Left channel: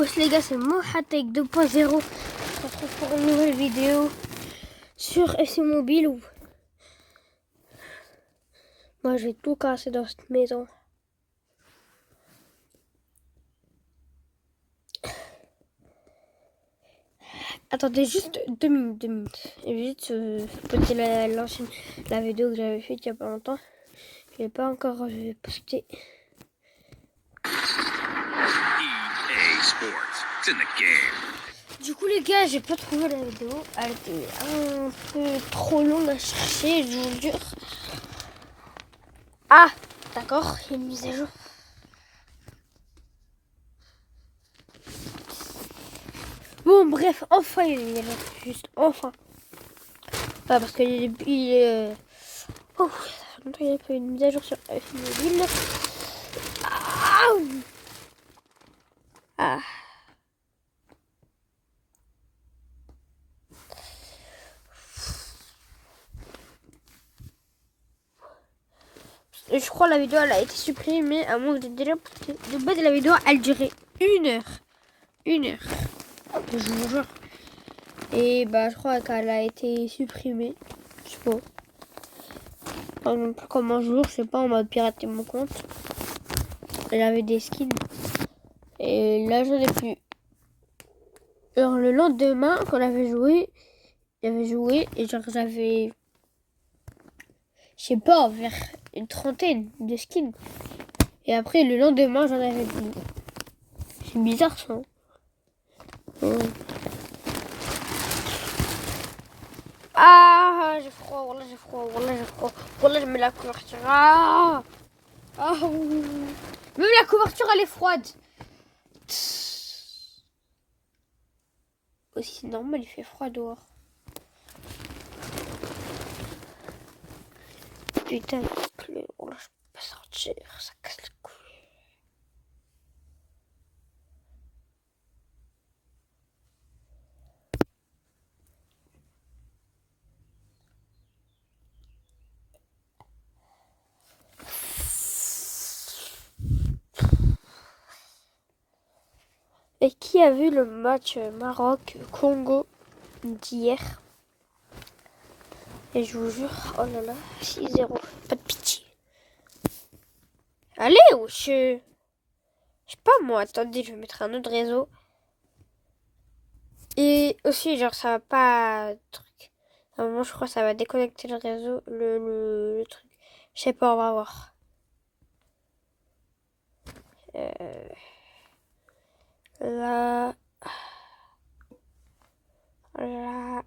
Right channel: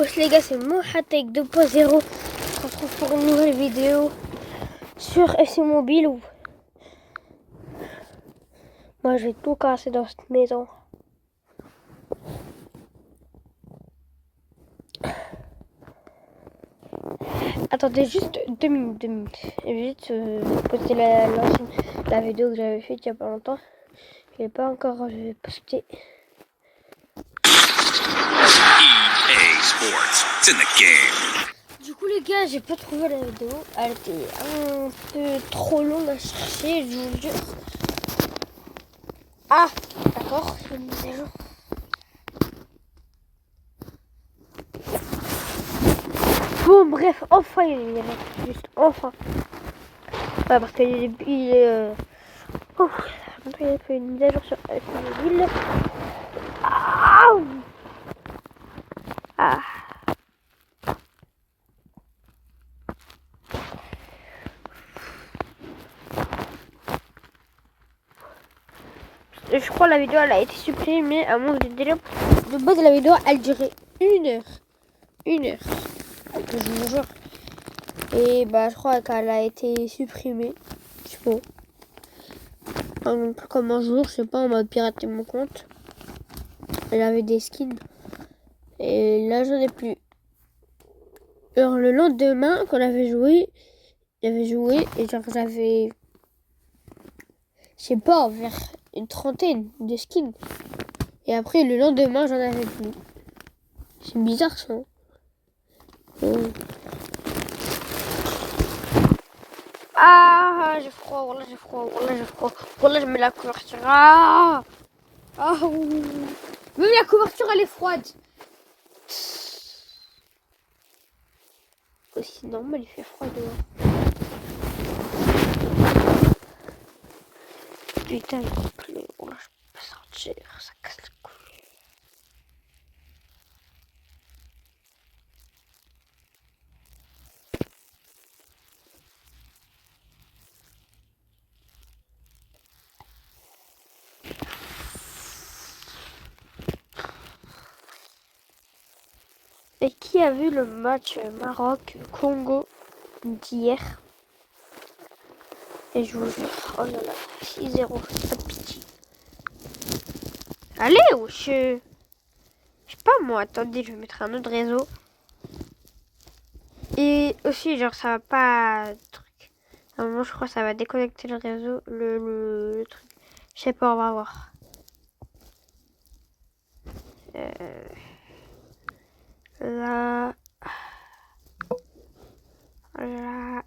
Wesh les gars, c'est Mohatek 2.0. On se retrouve pour une nouvelle vidéo sur FC Mobile. Moi je vais tout casser dans cette maison. Attendez juste 2 minutes. Je vais juste poster la vidéo que j'avais faite il y a pas longtemps. Je vais pas encore poster. EA Sports, it's in the game. Du coup les gars, j'ai pas trouvé la vidéo. Elle était un peu trop longue à chercher, je vous jure. Ah, d'accord, il y a une mise à jour. Bon bref, enfin il est là, juste enfin. Pas parce qu'il est oh, ça fait longtemps qu'il a fait une mise à jour sur mobile. Ah. Je crois que la vidéo elle a été supprimée, mais à moins que de délai. De base la vidéo elle durait 1 heure. 1 heure. Je vous jure. Et bah je crois qu'elle a été supprimée. Je sais pas. Comme un jour, je sais pas, on m'a piraté mon compte. Elle avait des skins. Et là j'en ai plus. Alors le lendemain, quand j'avais joué et genre j'avais, je sais pas, vers une trentaine de skins. Et après le lendemain j'en avais plus. C'est bizarre ça. Oh. Ah, j'ai froid, voilà j'ai froid, voilà j'ai froid. Voilà je mets la couverture. Ah, ah oui. Même la couverture elle est froide. Aussi c'est normal, il fait froid dehors. Putain, il pleut. Oh là, je peux pas sortir, ça casse les couilles. Et qui a vu le match Maroc-Congo d'hier? Et je vous jure, oh là là, 6-0, pas de pitié. Allez, wesh. Je sais pas moi, attendez, je vais mettre un autre réseau. Et aussi, genre, ça va pas... truc. À un moment, je crois que ça va déconnecter le réseau, le truc. Je sais pas, on va voir. Là... Là...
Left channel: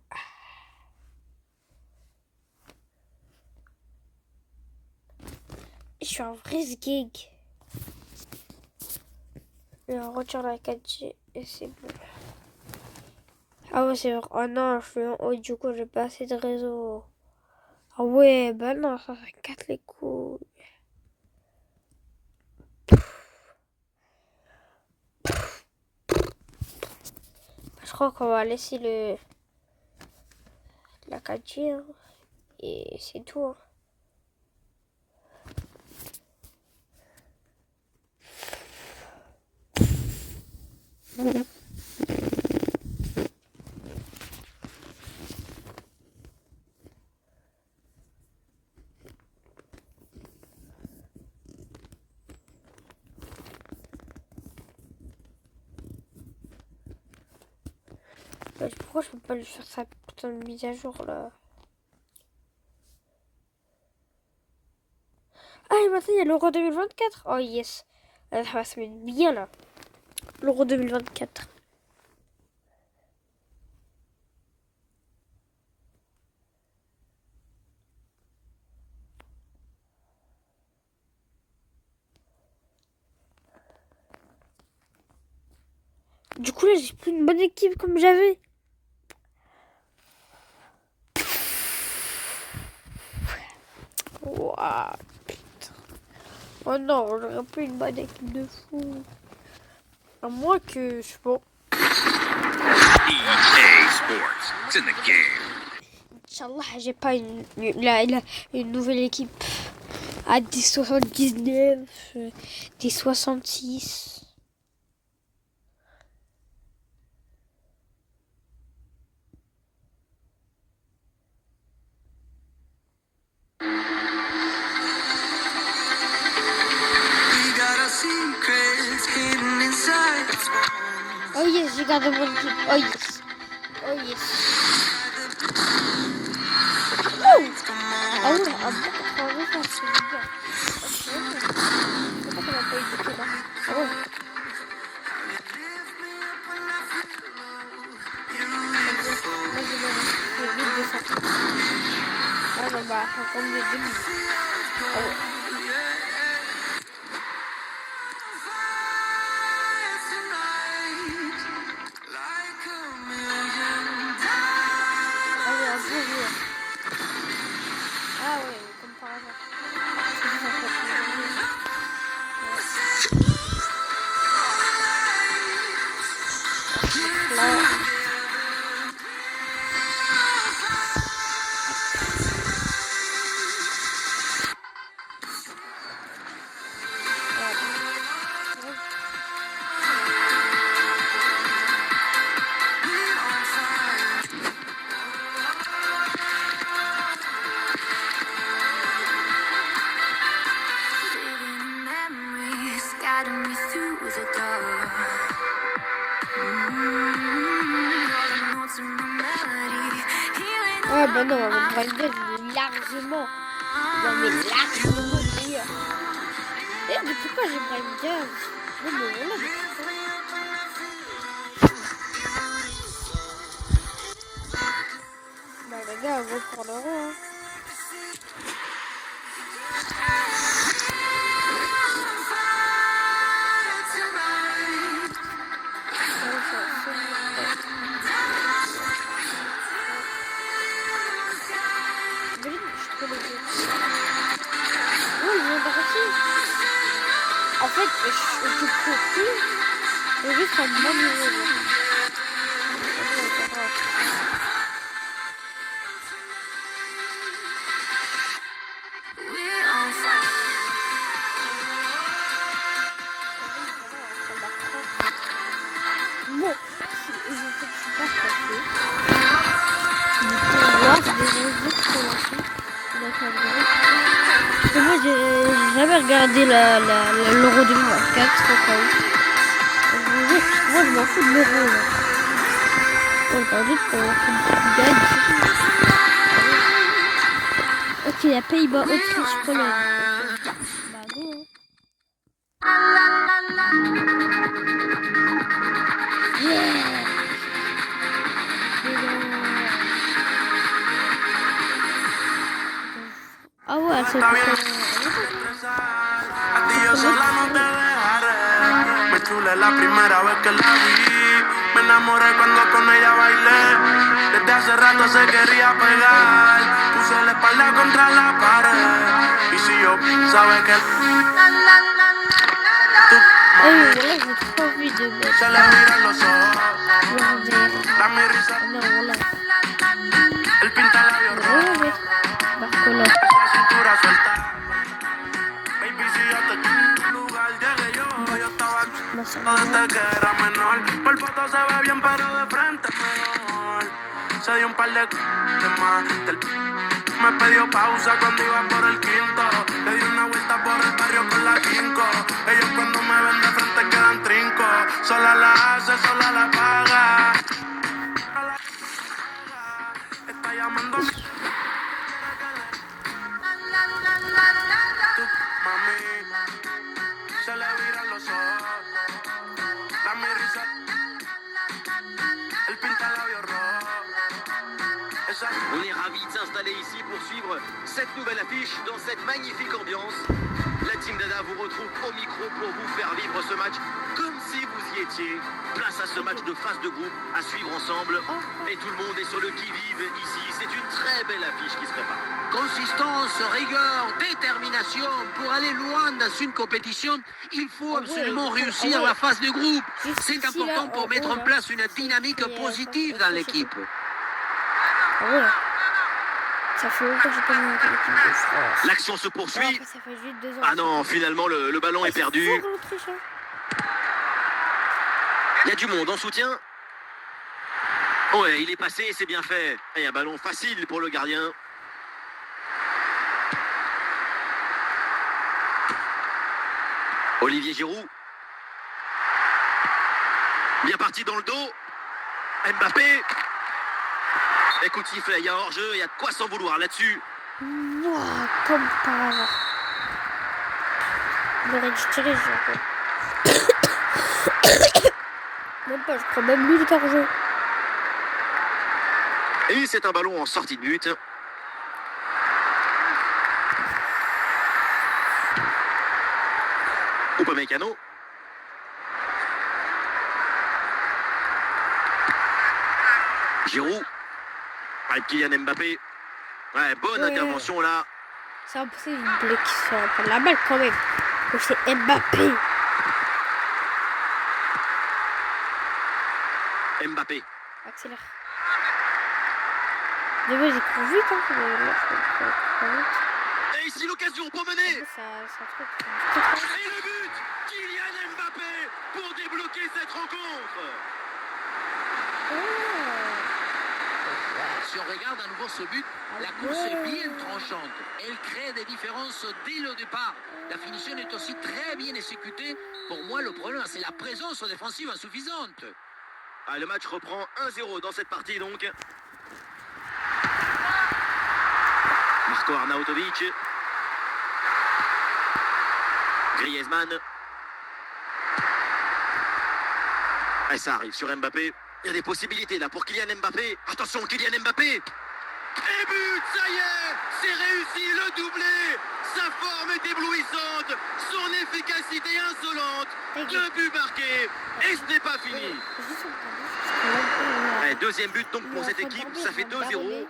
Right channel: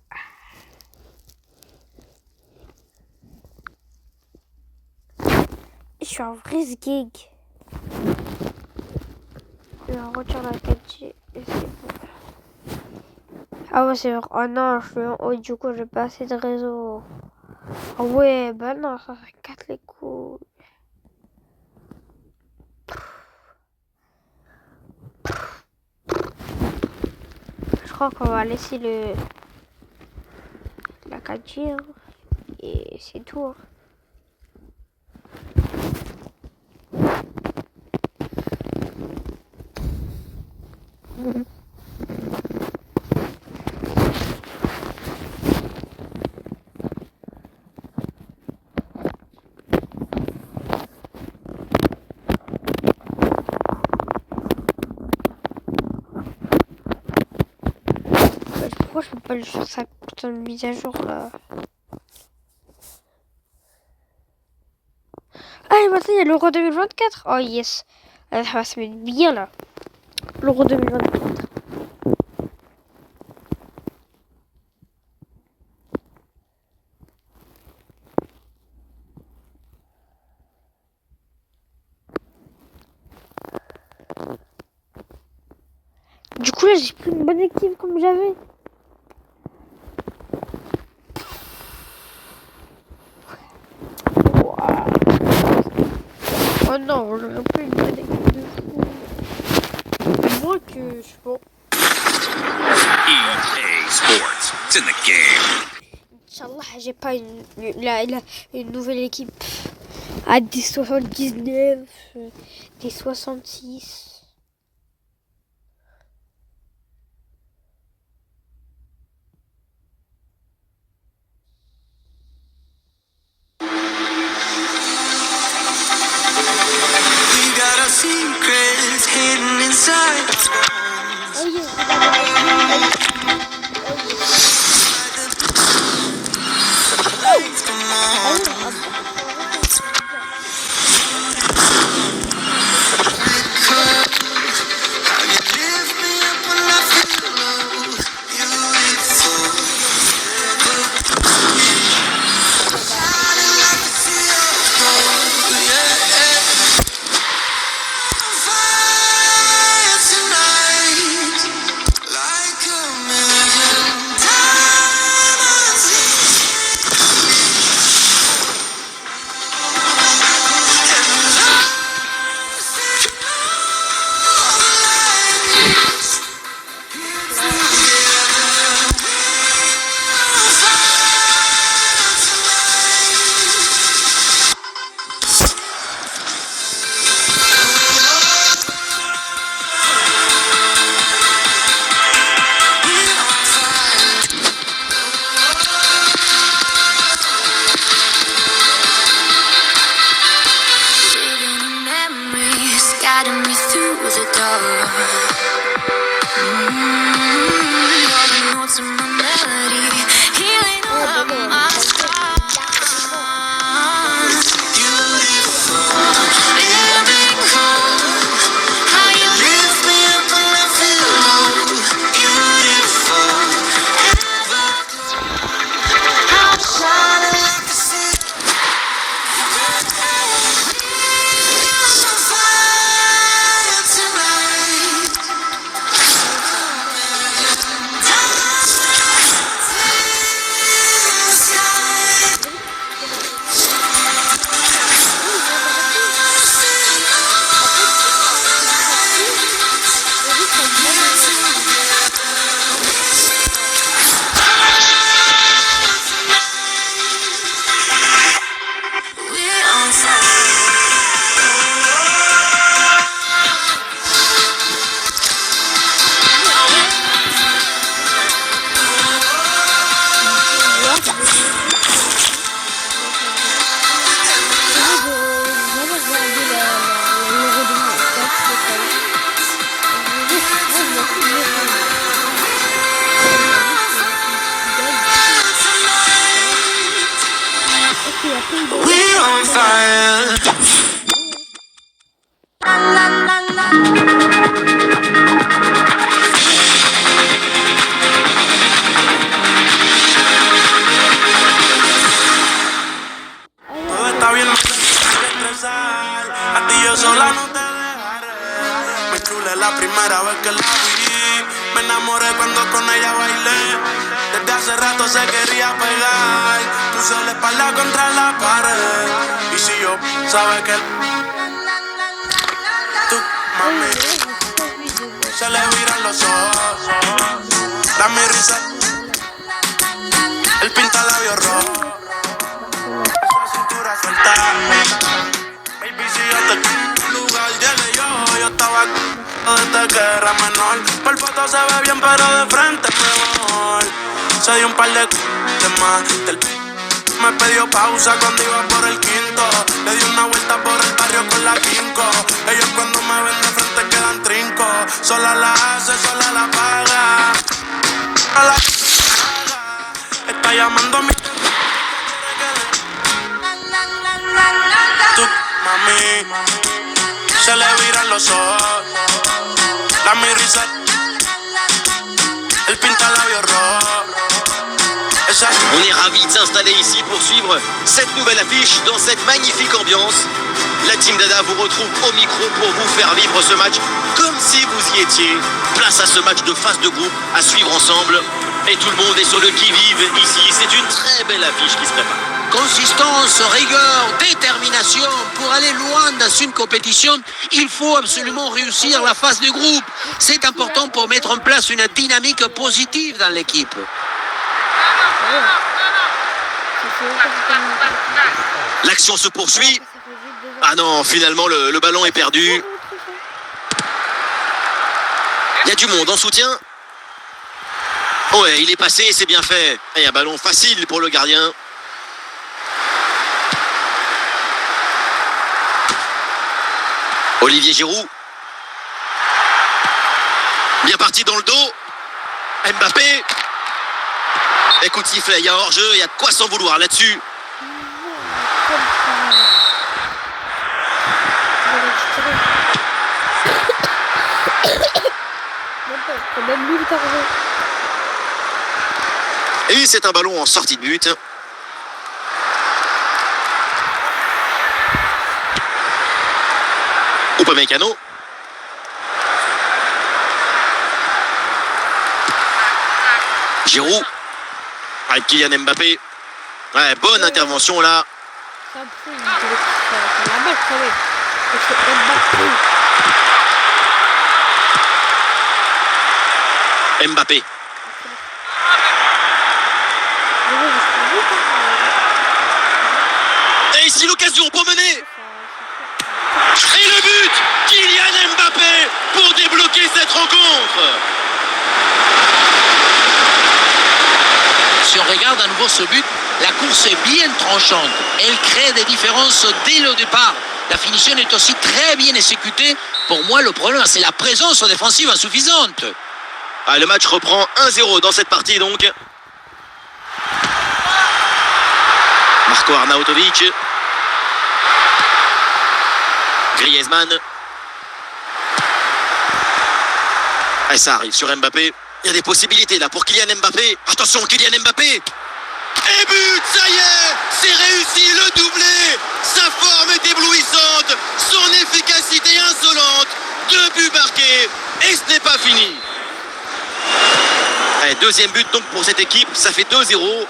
Je suis un vrai sgeg. Je retire la 4G et c'est bon. Ah ouais, c'est vrai. Oh non, je suis en haut, du coup, j'ai pas assez de réseau. Ah ouais, bah non, ça casse les couilles. Je crois qu'on va laisser la 4G hein. Et c'est tout. Hein. Pourquoi je peux pas le faire sa putain de mise à jour là? Ah et maintenant il y a l'Euro 2024. Oh yes. Ça va se mettre bien là. L'Euro 2024. Du coup là j'ai plus une bonne équipe comme j'avais. Oh non, j'aurais plus une bonne équipe de fou. Moi que je sais pas. EA Sports, it's in the game. Inch'Allah, j'ai pas une nouvelle équipe à des 79, des 66. got secrets hidden inside our bones. Oh yes, regardez. Oh yes. Come Ah on. oui, un peu How you lift me up when I feel low. Beautiful. Shining like a sea of gold. Yeah. Fire tonight. Like a million diamonds. And lost in all the lights. Here together. We're on fire tonight. We're on fire. Living in memories, guiding me through the dark. All the notes in my melody, healing all Ah of bah non, my ça veut dire largement. How you lift me up when I feel low. Beautiful, I'm shining like a sea. I'm on fire tonight. En fait, c'est juste un bon niveau. We're on fire. J'ai jamais regardé l'Euro 2024, c'est pas ouf. Moi, je m'en fous de l'Euro. Ok, il y a Pays-Bas. We're on fire. La la la la. Ah Todo ouais, está bien, no te tienes que estresar. A ti yo sola no te dejaré. Me chulé la primera vez que la vi. Me enamoré cuando con ella bailé. Desde hace rato se quería pegar. Puse la espalda contra la pared. Y si yo, sabes que tú, mami, là, j'ai pas envie de mettre. se le viran los ojos. Da mi risa, él pinta labios rojos. Barcelone. Cintura suelta. Baby, si yo te lugar llegué yo estaba desde que era menor. Por foto se ve bien, pero de frente mejor. Se dio un par de más. Me pidió pausa cuando iba por el quinto. Le di una vuelta por el barrio con la quinco. Ellos cuando me ven de frente quedan trinco. Sola la hace, sola la paga. A la está llamando a mi tú, mami, se le viran los ojos. La mi risa, él pinta labios rojos. Esa On est ravis de s'installer ici pour suivre cette nouvelle affiche dans cette magnifique ambiance. La team Dada vous retrouve au micro pour vous faire vivre ce match comme si vous y étiez. Place à ce match de phase de groupe à suivre ensemble. Et tout le monde est sur le qui-vive ici. C'est une très belle affiche qui se prépare. Consistance, rigueur, détermination. Pour aller loin dans une compétition, il faut absolument réussir la phase de groupe. C'est important pour mettre en place une dynamique positive dans l'équipe. Ah ouais. Ça fait longtemps que j'ai pas mis. L'action se poursuit. Ça fait juste 2 ans. Ah non, finalement le ballon est perdu. Il y a du monde en soutien. Ouais, il est passé, c'est bien fait. Et un ballon facile pour le gardien. Olivier Giroud. Bien parti dans le dos. Mbappé. Écoute, sifflet, il y a hors-jeu, il y a de quoi s'en vouloir là-dessus. Comme par hasard. Même pas, je crois même lui le hors-jeu. Et c'est un ballon en sortie de but. Upamecano. Giroud. Avec Kylian Mbappé. Ouais, bonne intervention là. C'est un peu une idée qui fait la balle quand même. Et c'est Mbappé. Mbappé. Excellent. Je vais trop vite, hein. Et ici l'occasion pour mener. Ça Et le but, Kylian Mbappé pour débloquer cette rencontre. Si on regarde à nouveau ce but, la course est bien tranchante. Elle crée des différences dès le départ. La finition est aussi très bien exécutée. Pour moi, le problème, c'est la présence défensive insuffisante. Ah, le match reprend 1-0 dans cette partie donc. Marco Arnautovic. Griezmann. Et ça arrive sur Mbappé. Il y a des possibilités là pour Kylian Mbappé. Attention, Kylian Mbappé. Et but, ça y est, c'est réussi, le doublé. Sa forme est éblouissante, son efficacité insolente. 2 buts marqués et ce n'est pas fini. Allez, deuxième but donc pour cette équipe, ça fait 2-0.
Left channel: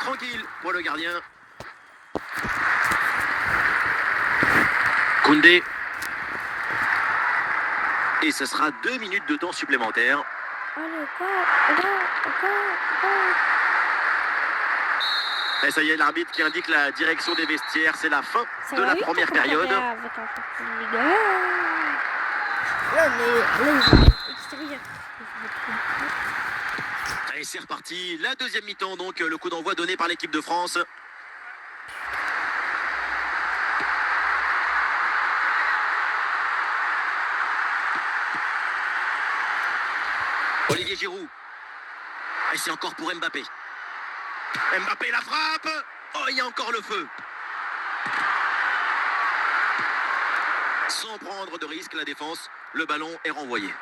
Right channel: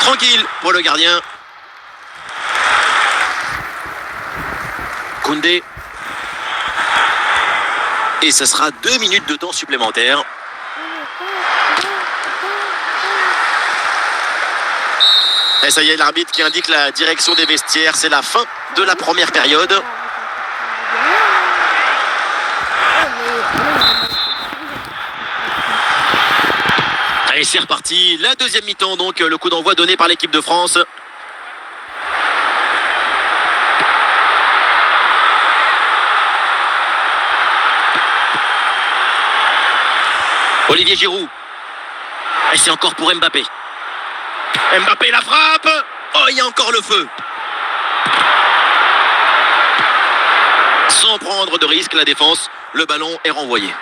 Tranquille pour le gardien. Koundé. Et ce sera 2 minutes de temps supplémentaire. Et ça y est, l'arbitre qui indique la direction des vestiaires. C'est la fin de la première période. Allez, c'est reparti. La deuxième mi-temps, donc le coup d'envoi donné par l'équipe de France. Olivier Giroud. Et c'est encore pour Mbappé. Mbappé la frappe. Oh, il y a encore le feu. Sans prendre de risque, la défense, le ballon est renvoyé.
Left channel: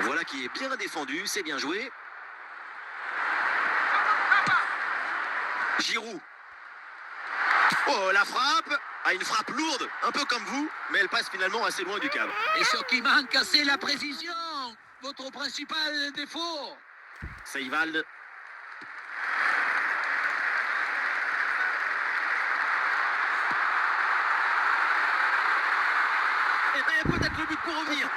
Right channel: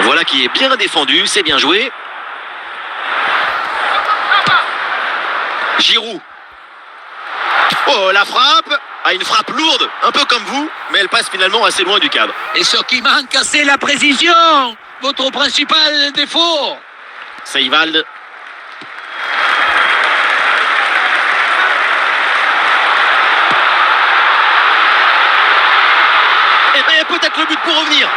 Voilà qui est bien défendu, c'est bien joué. Giroud. Oh, la frappe. Ah, une frappe lourde, un peu comme vous, mais elle passe finalement assez loin du cadre. Et ce qui manque, c'est la précision. Votre principal défaut. Seiwald. Et peut-être le but pour revenir.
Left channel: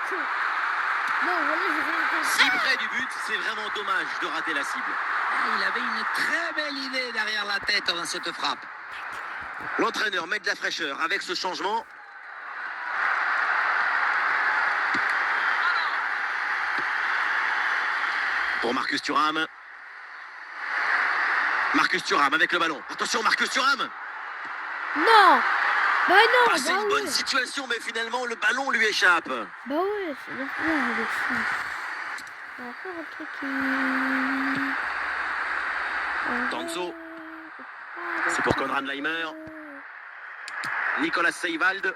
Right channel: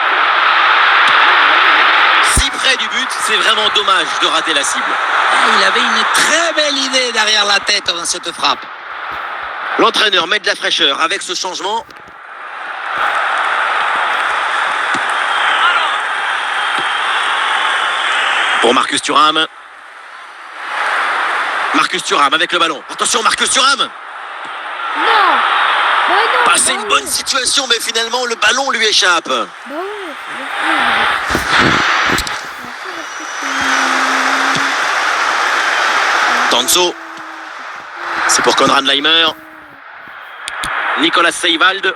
Si près du but, c'est vraiment dommage de rater la cible. Il avait une très belle idée derrière la tête dans cette frappe. L'entraîneur met de la fraîcheur avec ce changement. Pour Marcus Thuram. Marcus Thuram avec le ballon. Attention, Marcus Thuram. Non. Bah non. Bah, c'est une bonne situation, mais finalement, le ballon lui échappe. Bah ouais. Tanzo. C'est pour Konrad Laimer. Nicolas Seiwald.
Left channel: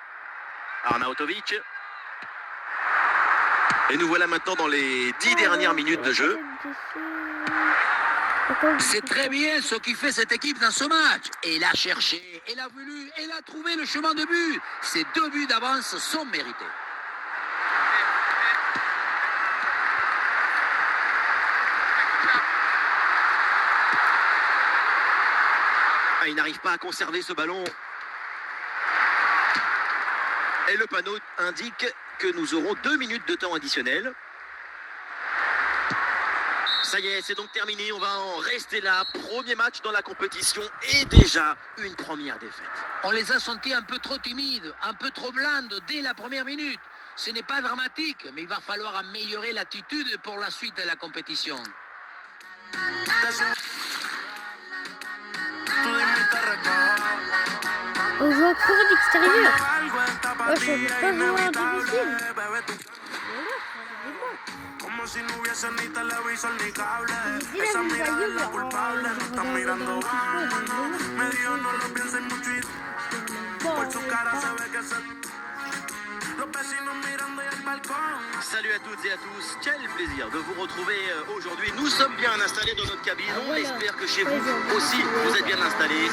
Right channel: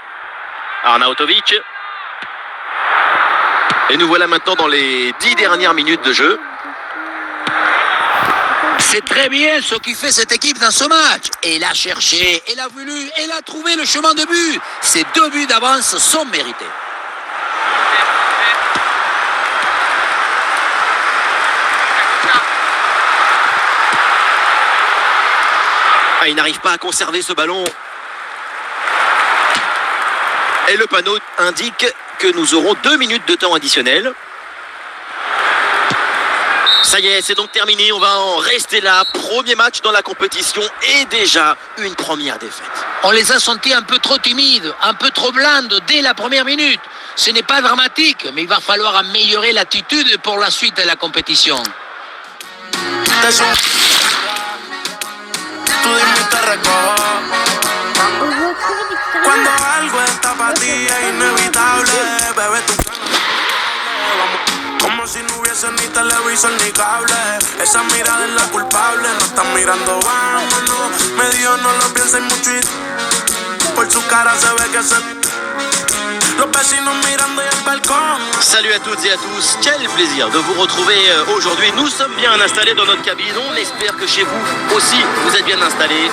Arnautovic. Et nous voilà maintenant dans les 10 dernières minutes de jeu. C'est très bien ce qui fait cette équipe dans ce match. Elle a cherché, elle a voulu, elle a trouvé le chemin de but. Ces 2 buts d'avance sont mérités. Ah, il n'arrive pas à conserver ce ballon. Et le panneau indique que nous aurons 2 minutes de temps additionnel. Ça y est, c'est donc terminé. On va en rester là. Premier match dans la compétition et déjà une première défaite. On les a sentis un peu trop timides, un peu trop blindes dès la première minute. Ce n'est pas dramatique, mais il va falloir améliorer l'attitude pour la suite de la compétition. Te subo. Tú dime y te recojo. On va courir d'extérieur. Cuando algo está para ti es inevitable, bebé, tú como si no hubiese ni televisor ni cable. Esa mirada es la culpable, no están mirando, vámonos. Me dijo no lo pienses mucho y por su cara se ve que se... Los vecinos mirando y el balcón. Salut à toutes et à tous, quel plaisir de vous retrouver aujourd'hui. Nous sommes bien installés dans notre cabine, on espère que chez vous aussi vous êtes bien installés.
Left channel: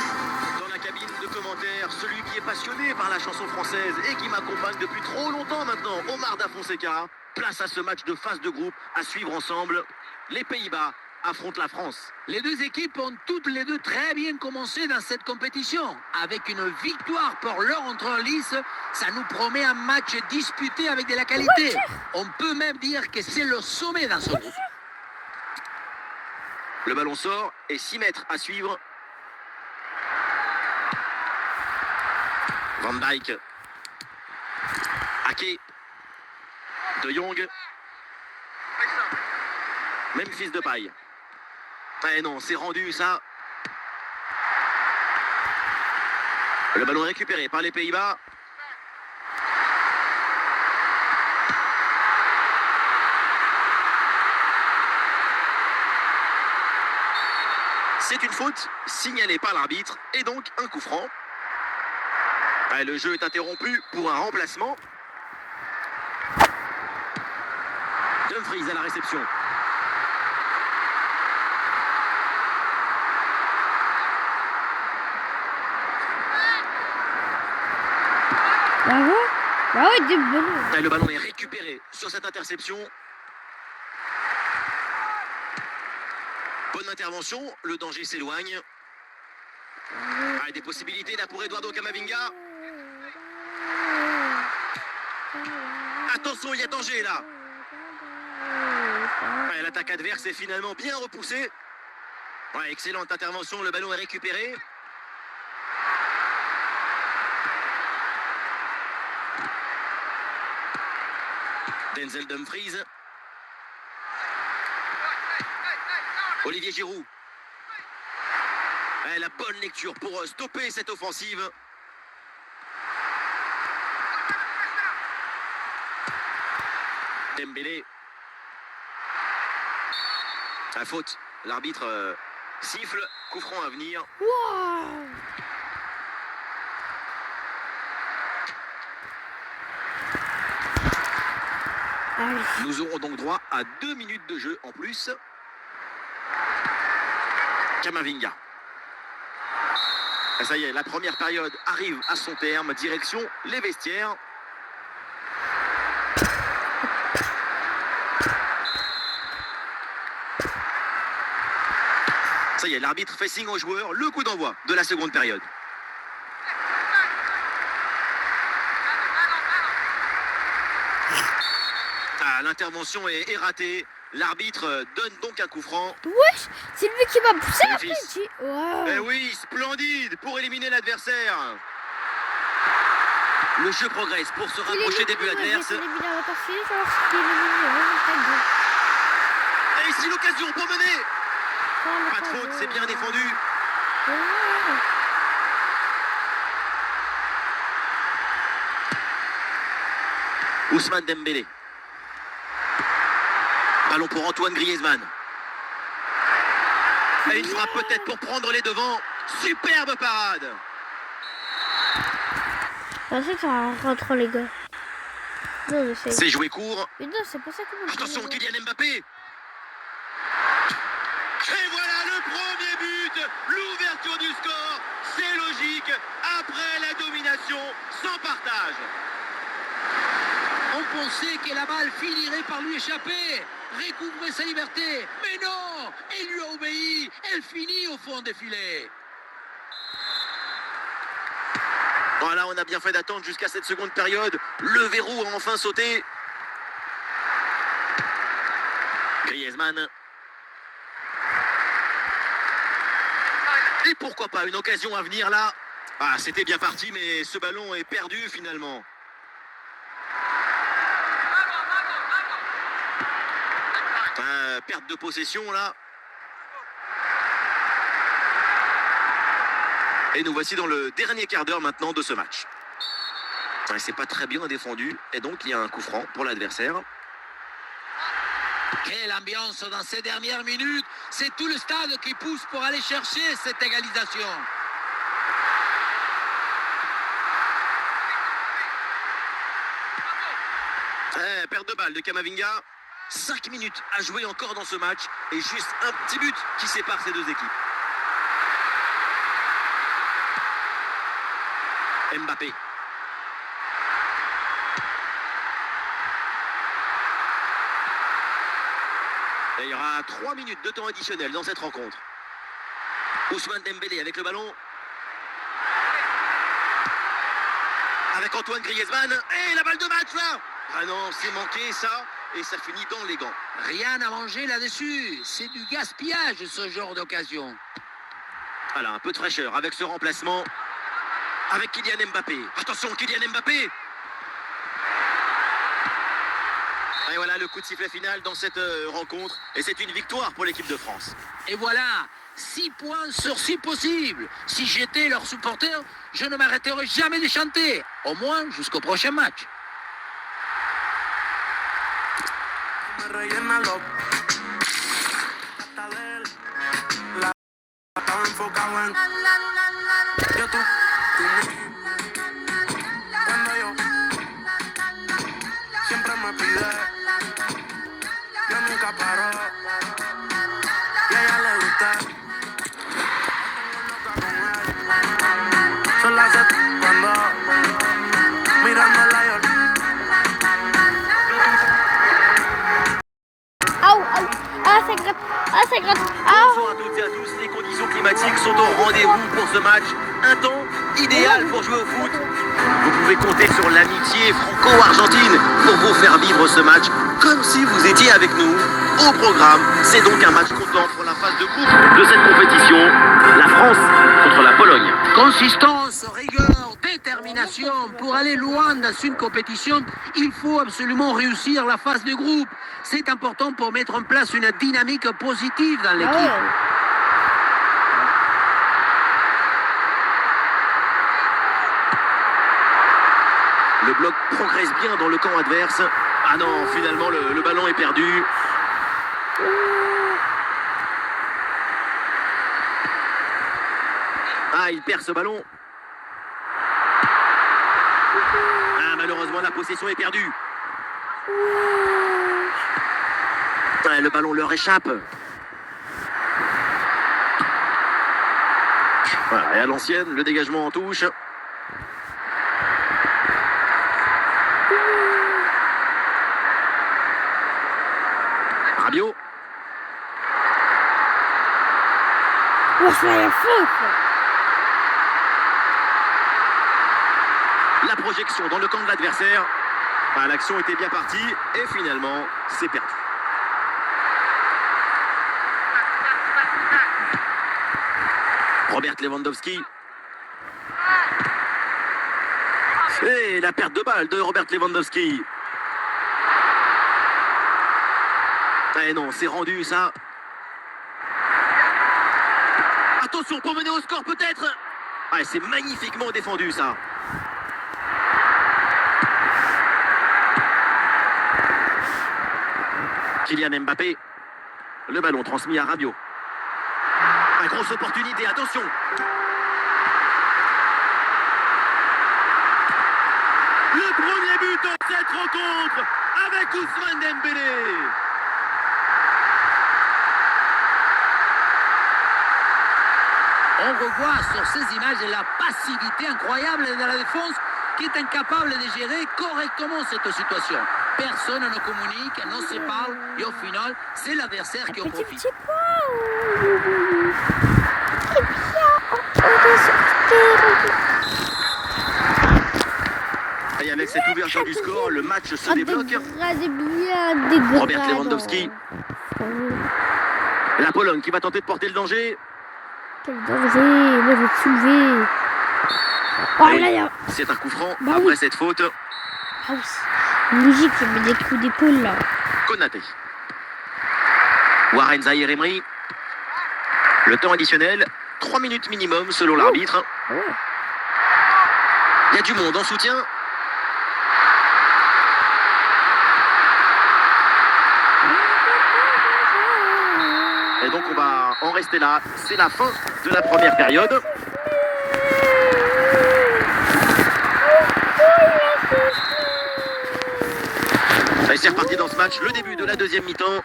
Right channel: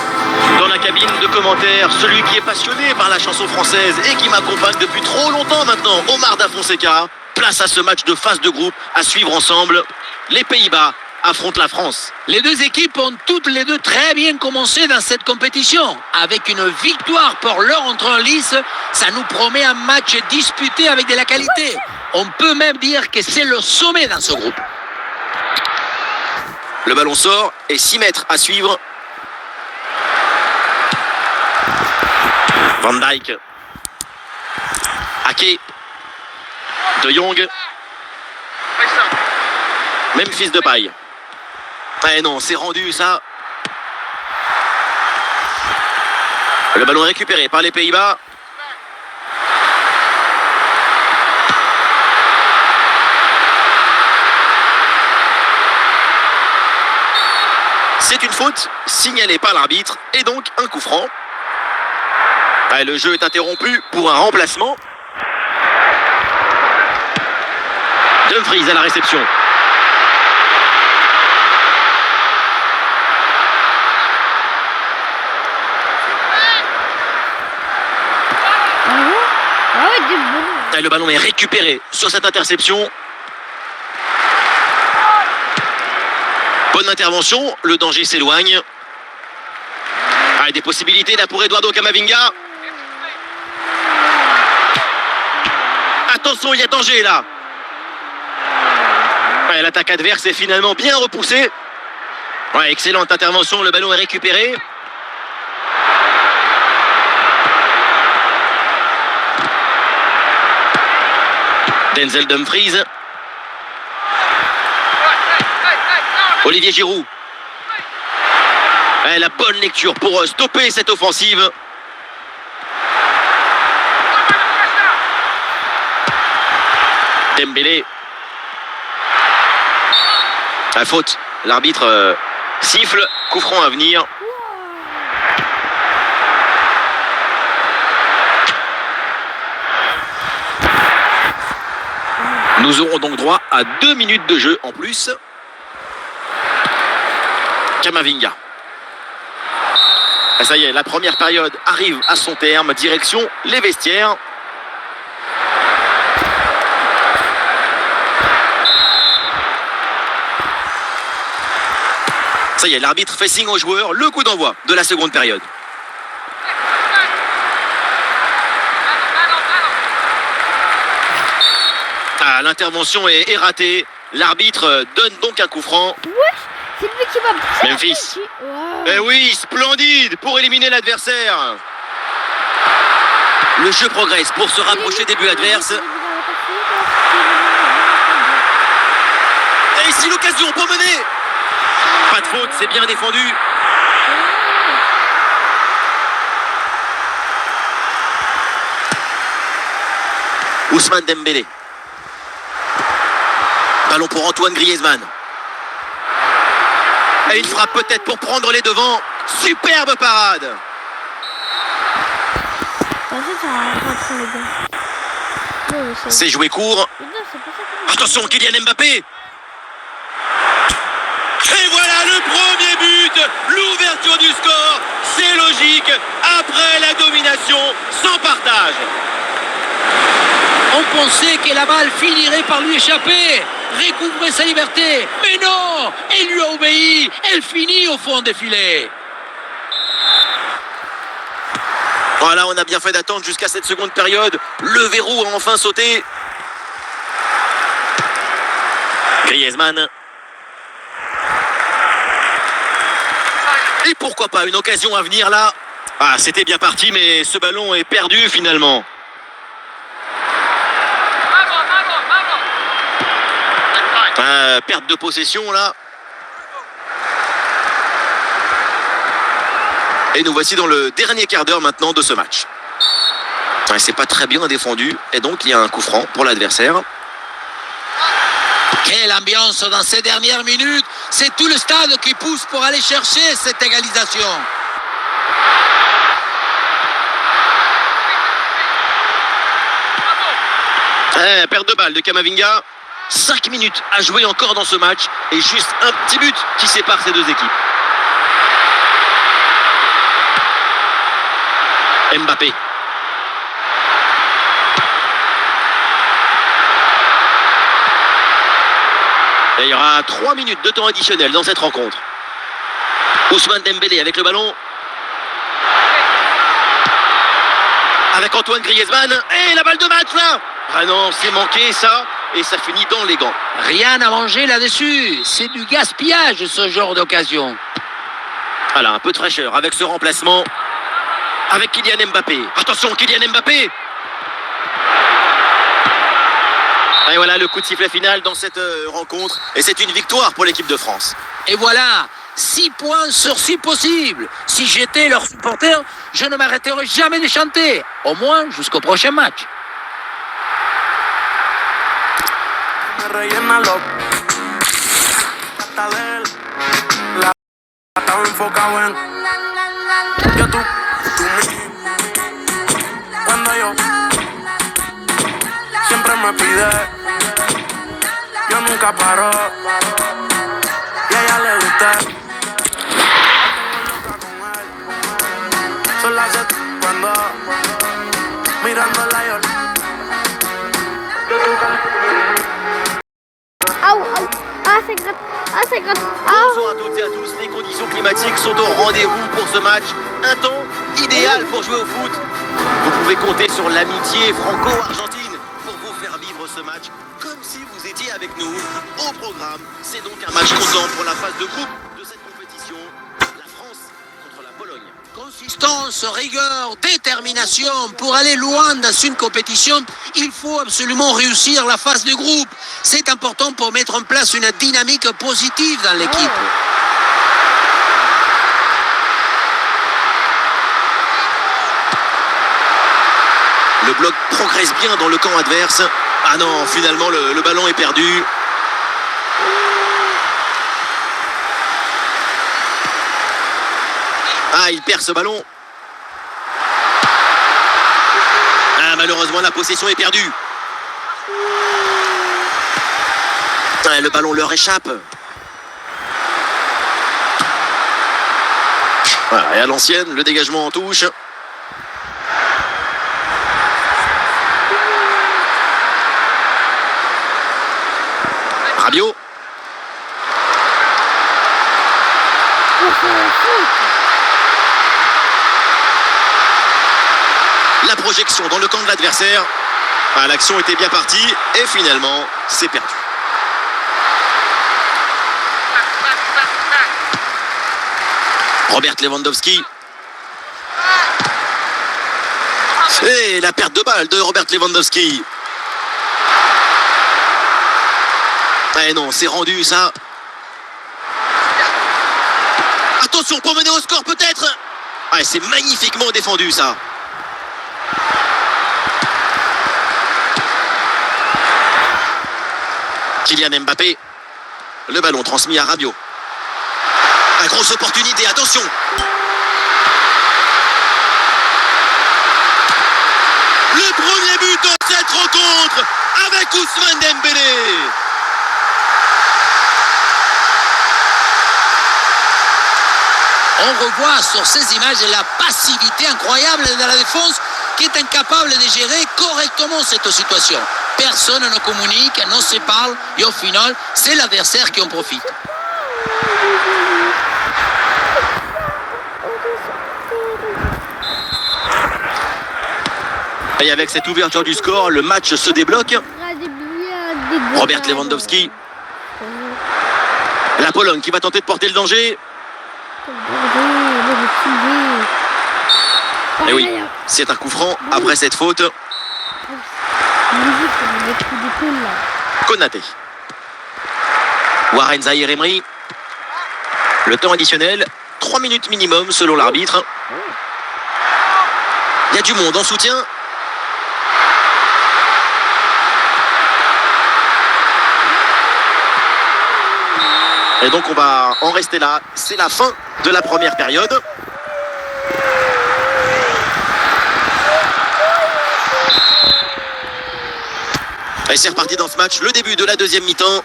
Dans la cabine de commentaires, celui qui est passionné par la chanson française et qui m'accompagne depuis trop longtemps maintenant, Omar Da Fonseca. Place à ce match de phase de groupe à suivre ensemble. Les Pays-Bas affrontent la France. Les deux équipes ont toutes les deux très bien commencé dans cette compétition. Avec une victoire pour leur entrée en lice, ça nous promet un match disputé avec de la qualité. On peut même dire que c'est le sommet dans ce groupe. Le ballon sort et 6 mètres à suivre. Van Dijk. Ake. De Jong. Memphis Depay. Eh non, c'est rendu ça. Le ballon est récupéré par les Pays-Bas. C'est une faute signalée par l'arbitre et donc un coup franc. Ah, le jeu est interrompu pour un remplacement. Dumfries à la réception. Ah ouais, des ballons. Et le ballon est récupéré sur cette interception. Bonne intervention, le danger s'éloigne. Ah, des possibilités là pour Eduardo Camavinga. Attention, il y a danger là. Ouais, l'attaque adverse est finalement bien repoussée. Ouais, excellente intervention, le ballon est récupéré. Denzel Dumfries. Olivier Giroud. Ouais, la bonne lecture pour stopper cette offensive. Dembélé. La faute. L'arbitre siffle. Coup franc à venir. Nous aurons donc droit à 2 minutes de jeu en plus. Camavinga. Et ça y est, la première période arrive à son terme. Direction les vestiaires. Ça y est, l'arbitre fait signe aux joueurs. Le coup d'envoi de la seconde période. Ah, l'intervention est ratée. L'arbitre donne donc un coup franc. Wesh, c'est lui qui m'a poussé. Memphis. Wow. Eh oui, splendide pour éliminer l'adversaire. Le jeu progresse pour se rapprocher des buts adverses. Et ici l'occasion pour mener. Pas de faute, c'est bien défendu. Ousmane Dembélé. Ballon pour Antoine Griezmann. Et une frappe peut-être pour prendre les devants. Superbe parade. Ça rentre les gars. Non, mais C'est joué court. Mais non, c'est pas ça que... Attention, Kylian Mbappé. Et voilà le premier but. L'ouverture du score. C'est logique. Après la domination sans partage. On pensait que la balle finirait par lui échapper, recouvrer sa liberté. Mais non, elle lui a obéi. Elle finit au fond des filets. Voilà, on a bien fait d'attendre jusqu'à cette seconde période. Le verrou a enfin sauté. Griezmann. Et pourquoi pas une occasion à venir là. Ah, c'était bien parti, mais ce ballon est perdu finalement. Perte de possession là. Et nous voici dans le dernier quart d'heure maintenant de ce match. C'est pas très bien défendu. Et donc il y a un coup franc pour l'adversaire. Quelle ambiance dans ces dernières minutes. C'est tout le stade qui pousse pour aller chercher cette égalisation. Perte de balle de Camavinga. 5 minutes à jouer encore dans ce match. Et juste un petit but qui sépare ces deux équipes. Mbappé. Et il y aura 3 minutes de temps additionnel dans cette rencontre. Ousmane Dembélé avec le ballon. Avec Antoine Griezmann. Et la balle de match là. Ah non, c'est manqué ça. Et ça finit dans les gants. Rien à manger là-dessus. C'est du gaspillage ce genre d'occasion. Voilà, un peu de fraîcheur avec ce remplacement. Avec Kylian Mbappé. Attention, Kylian Mbappé. Et voilà le coup de sifflet final dans cette rencontre. Et c'est une victoire pour l'équipe de France. Et voilà, 6 points sur 6 possibles. Si j'étais leur supporter, je ne m'arrêterais jamais de chanter. Au moins jusqu'au prochain match. Me rellena los hasta de él. La estaba enfocado en yo tú mí. Cuando yo siempre me pide, yo nunca paro y a ella le gusta. Son las 7 cuando mirando la yo Bonjour à toutes et à tous, les conditions climatiques sont au rendez-vous pour ce match. Un temps idéal pour jouer au foot. Vous pouvez compter sur l'amitié franco-argentine pour vous faire vivre ce match comme si vous étiez avec nous. Au programme, c'est donc un match comptant pour la phase de groupe de cette compétition. La France contre la Pologne. Consistance, rigueur, détermination. Pour aller loin dans une compétition, il faut absolument réussir la phase de groupe. C'est important pour mettre en place une dynamique positive dans l'équipe. Le bloc progresse bien dans le camp adverse. Ah non, finalement le ballon est perdu. Ah, il perd ce ballon. Ah, malheureusement, la possession est perdue. Ah, le ballon leur échappe. Voilà, et à l'ancienne, le dégagement en touche. Rabiot. La projection dans le camp de l'adversaire. Ah, l'action était bien partie et finalement, c'est perdu. Robert Lewandowski. Et la perte de balle de Robert Lewandowski. Eh non, c'est rendu ça. Attention pour mener au score peut-être. Ah, c'est magnifiquement défendu ça. Kylian Mbappé. Le ballon transmis à Rabiot. Une grosse opportunité, attention. Le premier but de cette rencontre avec Ousmane Dembélé. On revoit sur ces images la passivité incroyable de la défense qui est incapable de gérer correctement cette situation. Personne ne communique, ne se parle et au final, c'est l'adversaire qui en profite. Et avec cette ouverture du score, le match se débloque. Robert Lewandowski. La Pologne qui va tenter de porter le danger. Quel danger. Moi, je vais te soulever. Oh, Eh oui, là, il y a... c'est un coup franc Bah après oui. cette faute. Ah oui. Musique, il y a des coups d'épaule, là. Konaté. Warren Zahir Emery. Le temps additionnel, 3 minutes minimum selon l'arbitre. Oh. Il y a du monde en soutien. Et donc on va en rester là. C'est la fin de la première période. Et c'est reparti dans ce match, le début de la deuxième mi-temps.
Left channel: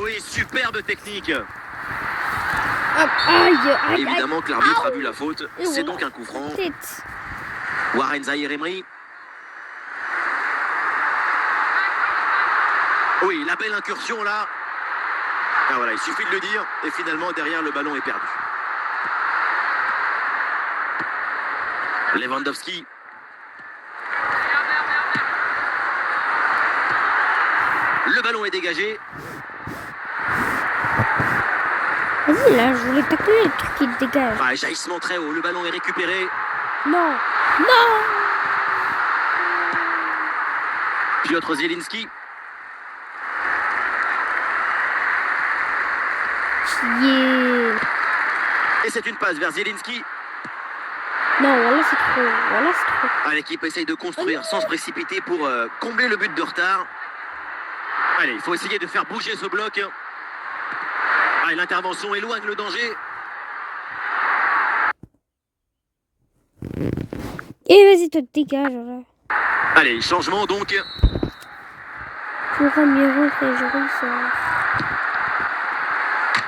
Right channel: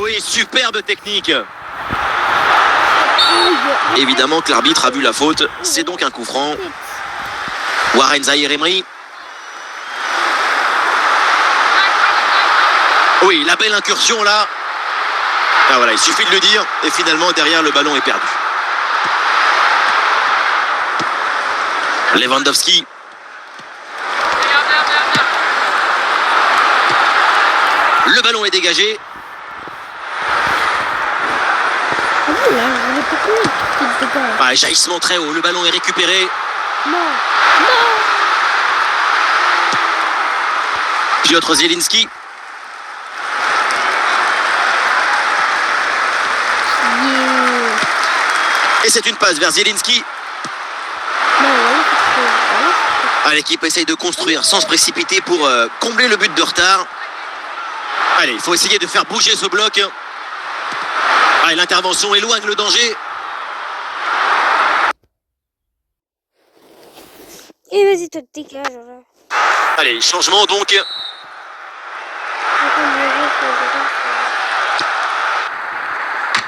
Oui, superbe technique. Évidemment que l'arbitre a vu la faute. C'est donc un coup franc. Warren Zahir Emery. Oui, la belle incursion là. Ah voilà, il suffit de le dire. Et finalement, derrière, le ballon est perdu. Lewandowski. Le ballon est dégagé. Ah oui, là, je voulais pas que le truc qui dégage. Ah, jaillissement très haut. Le ballon est récupéré. Non. Non. Piotr Zielinski. Yeah. Et c'est une passe vers Zielinski. Non, voilà, c'est trop. Voilà, c'est trop. Ah, l'équipe essaye de construire sans se précipiter pour combler le but de retard. Allez, il faut essayer de faire bouger ce bloc. Ah, l'intervention éloigne le danger. Et vas-y, toi, dégage, là. Allez, changement donc.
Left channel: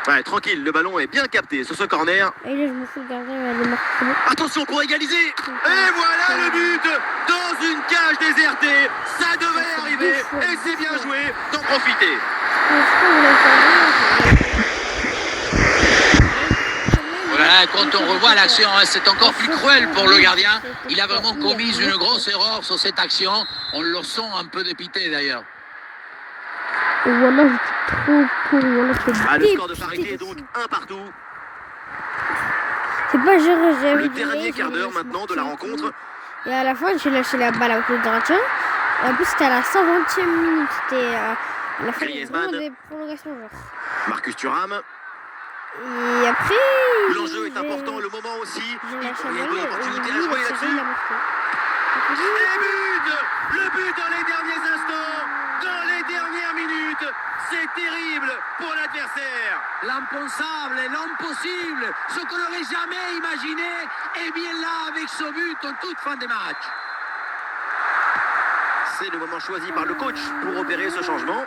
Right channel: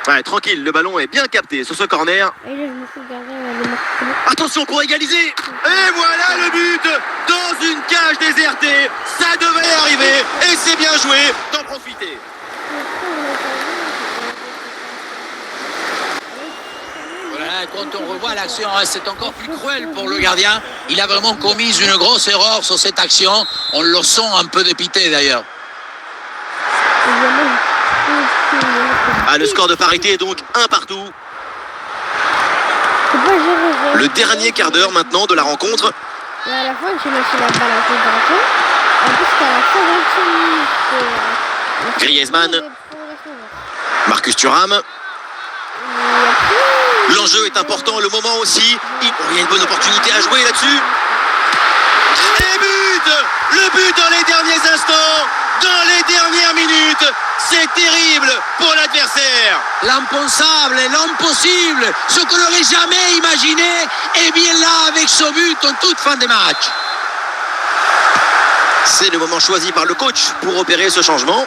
Ouais, tranquille, le ballon est bien capté sur ce corner. Et là, je me fous de garder la démarque. Attention pour égaliser. Et voilà le but dans une cage désertée. Ça devait arriver et c'est bien joué d'en profiter. Voilà, quand on revoit l'action, c'est encore plus cruel pour le gardien. Il a vraiment commis une grosse erreur sur cette action. On le sent un peu dépité d'ailleurs. Ah, le score de parité est donc 1 partout. Le dernier quart d'heure maintenant de la rencontre. Et à la fin, j'ai lâché la balle à côté de gardien. En plus, c'était à la 120e minute. Griezmann. Marcus Thuram. Et après... L'enjeu est important, le moment aussi. Il y a une bonne opportunité à jouer là-dessus. Et but! Le but dans les derniers instants, dans les dernières minutes. C'est terrible pour l'adversaire. L'impensable, l'impossible, ce qu'on n'aurait jamais imaginé, est bien là avec ce but en toute fin de match. C'est le moment choisi par le coach pour opérer ce changement.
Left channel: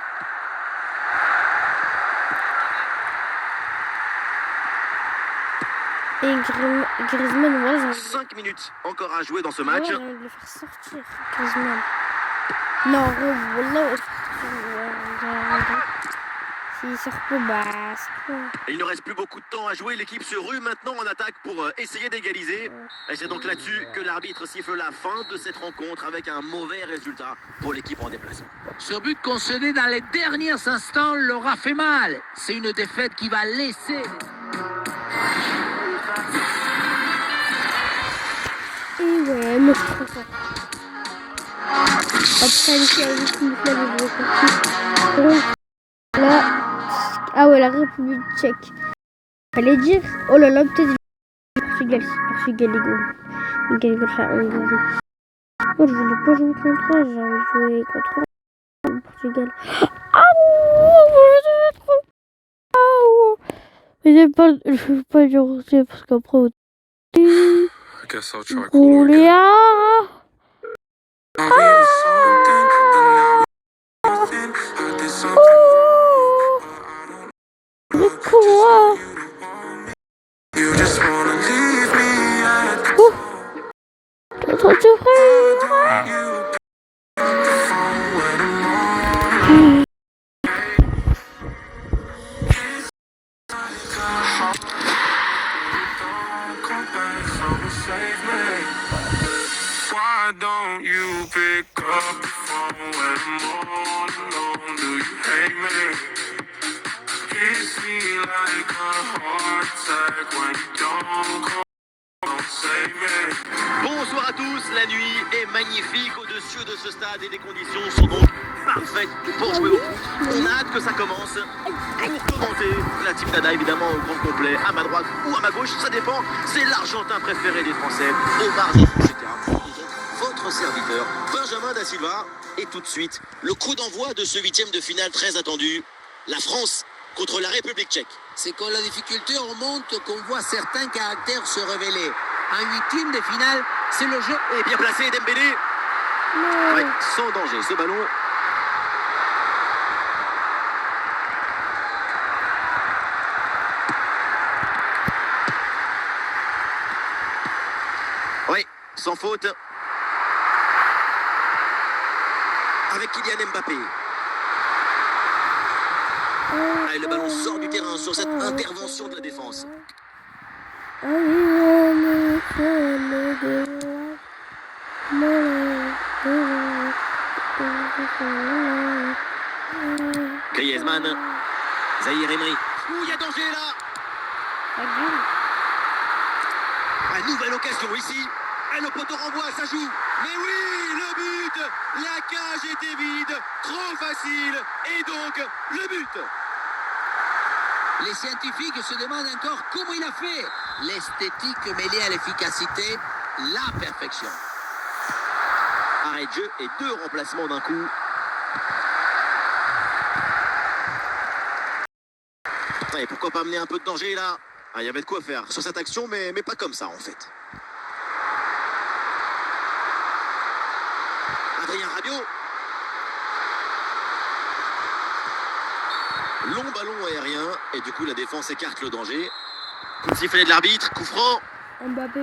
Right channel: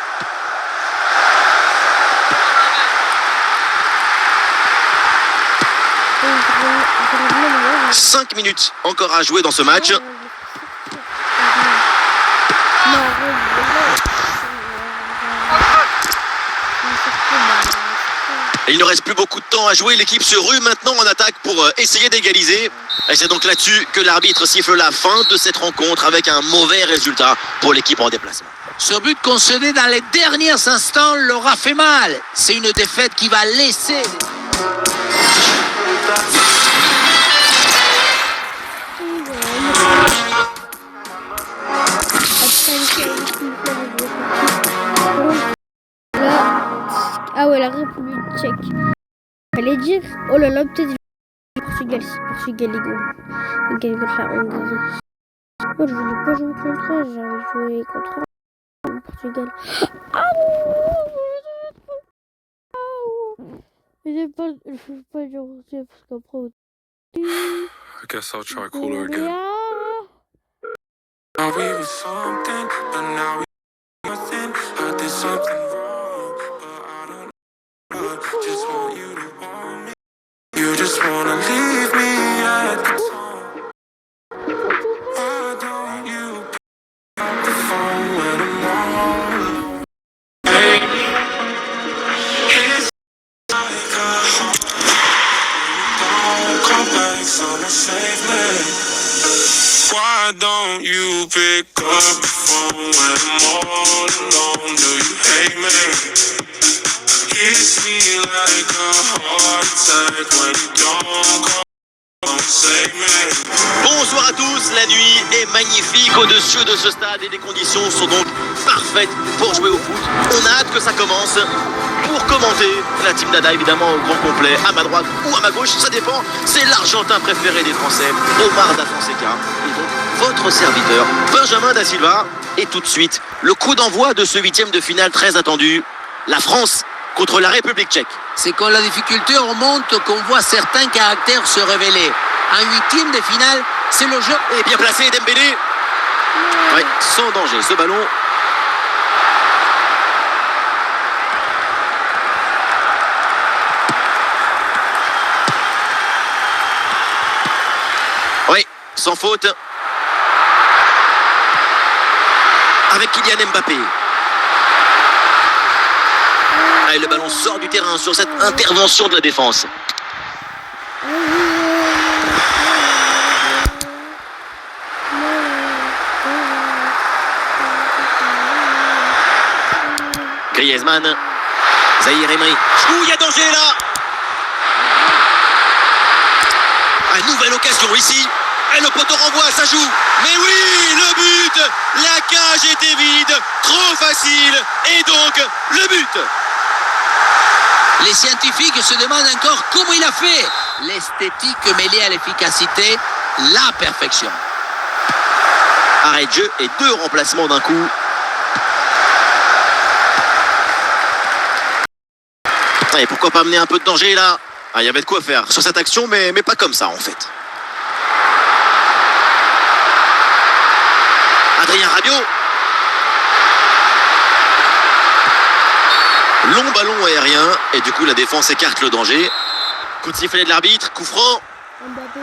Et 5 minutes encore à jouer dans ce match. Non, Et il ne reste plus beaucoup de temps à jouer. L'équipe se rue maintenant en attaque pour essayer d'égaliser. Et c'est donc là-dessus que l'arbitre siffle la fin de cette rencontre avec un mauvais résultat pour l'équipe en déplacement. Ce but concédé dans les derniers instants leur a fait mal. C'est une défaite qui va laisser... Là, ah ouais, la République tchèque. Fallait dire, oh là là, peut-être Portugal, Portugal, les gars. Ils gagnent contre la Hongrie. Moi, je voulais pas jouer contre eux, j'ai envie de jouer contre le Portugal. Ah je trop. Mais je veux pas dire aussi parce qu'après. I guess I'll try cooler again. Now we were something, but now we nothing. I did something wrong, but I don't know. Just want you to want me. You just wanna leave me at the phone. Why don't you pick up the phone when I'm on? Hey, it's like a home. Don't come back, someone save me. Why don't you pick up the phone when I'm all alone? Do you hate me? like a heart attack when you don't come save me. Bonsoir à tous, la nuit est magnifique au-dessus de ce stade et les conditions sont donc parfaites pour jouer au foot. On a hâte que ça commence. Pour commenter la team Dada, évidemment au grand complet, à ma droite ou à ma gauche, ça dépend. C'est l'Argentin préféré des Français, Omar Da Fonseca. Et donc votre serviteur, Benjamin Da Silva. Et tout de suite, le coup d'envoi de ce 8e de finale très attendu. La France contre la République tchèque. C'est quand la difficulté remonte qu'on voit certains caractères se révéler. Un 8e de finale, c'est le jeu. Et bien placé Dembélé. Ouais, sans danger, ce ballon. Oui, sans faute. Avec Kylian Mbappé. Et le ballon sort du terrain sur cette intervention de la défense. Griezmann. Zahir Emery. Ouh, il y a danger là. Une nouvelle occasion ici. Et le poteau renvoie, ça joue. Mais oui, le but. La cage était vide. Trop facile. Et donc, le but. Les scientifiques se demandent encore comment il a fait. L'esthétique mêlée à l'efficacité, la perfection. Arrêt de jeu et 2 remplacements d'un coup. Et pourquoi pas amener un peu de danger là? Il y avait de quoi faire sur cette action, mais pas comme ça en fait. Adrien Rabiot. Long ballon aérien et du coup la défense écarte le danger. Coup de sifflet de l'arbitre, coup franc. Mbappé,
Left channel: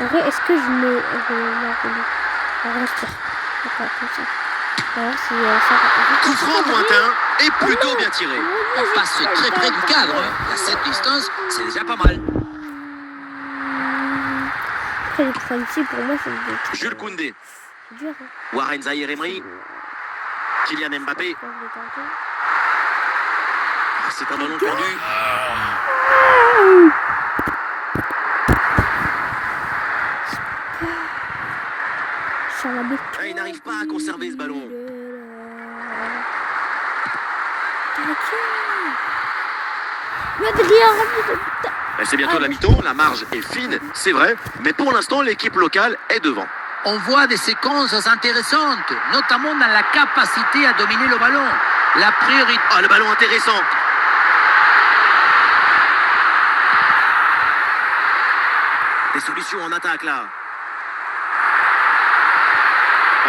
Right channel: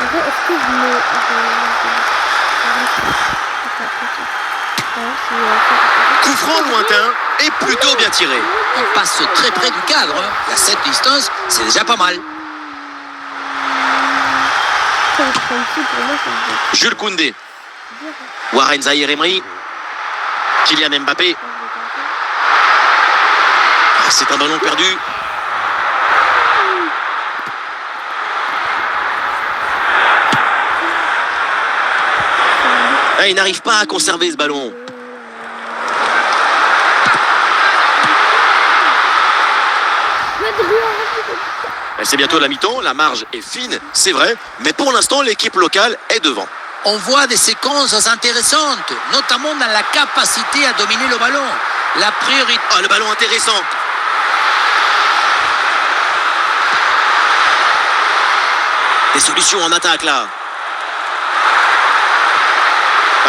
après, est-ce que je me... Coup franc lointain et plutôt bien tiré. On passe très près du cadre. À cette distance, c'est déjà pas mal. Jules Koundé. Warren Zahir Emery. Kylian Mbappé. C'est un ballon perdu. Il n'arrive pas à conserver ce ballon. C'est bientôt la mi-temps, la marge est fine, c'est vrai, mais pour l'instant l'équipe locale est devant. On voit des séquences intéressantes, notamment dans la capacité à dominer le ballon. La priorité... Ah, le ballon intéressant. Des solutions en attaque là.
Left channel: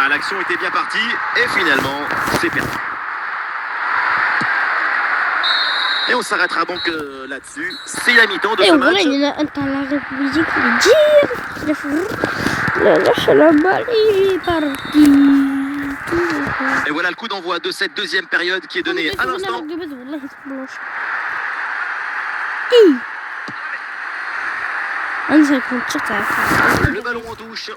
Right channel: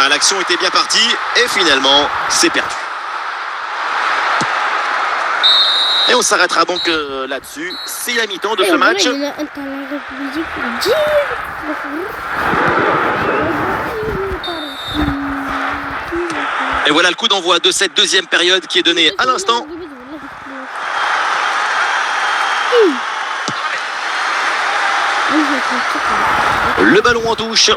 L'action était bien partie et finalement c'est perdu. Et on s'arrêtera donc là-dessus. C'est la mi-temps de ce match. Et voilà le coup d'envoi de cette 2e période qui est donnée à l'instant. Le ballon en touche.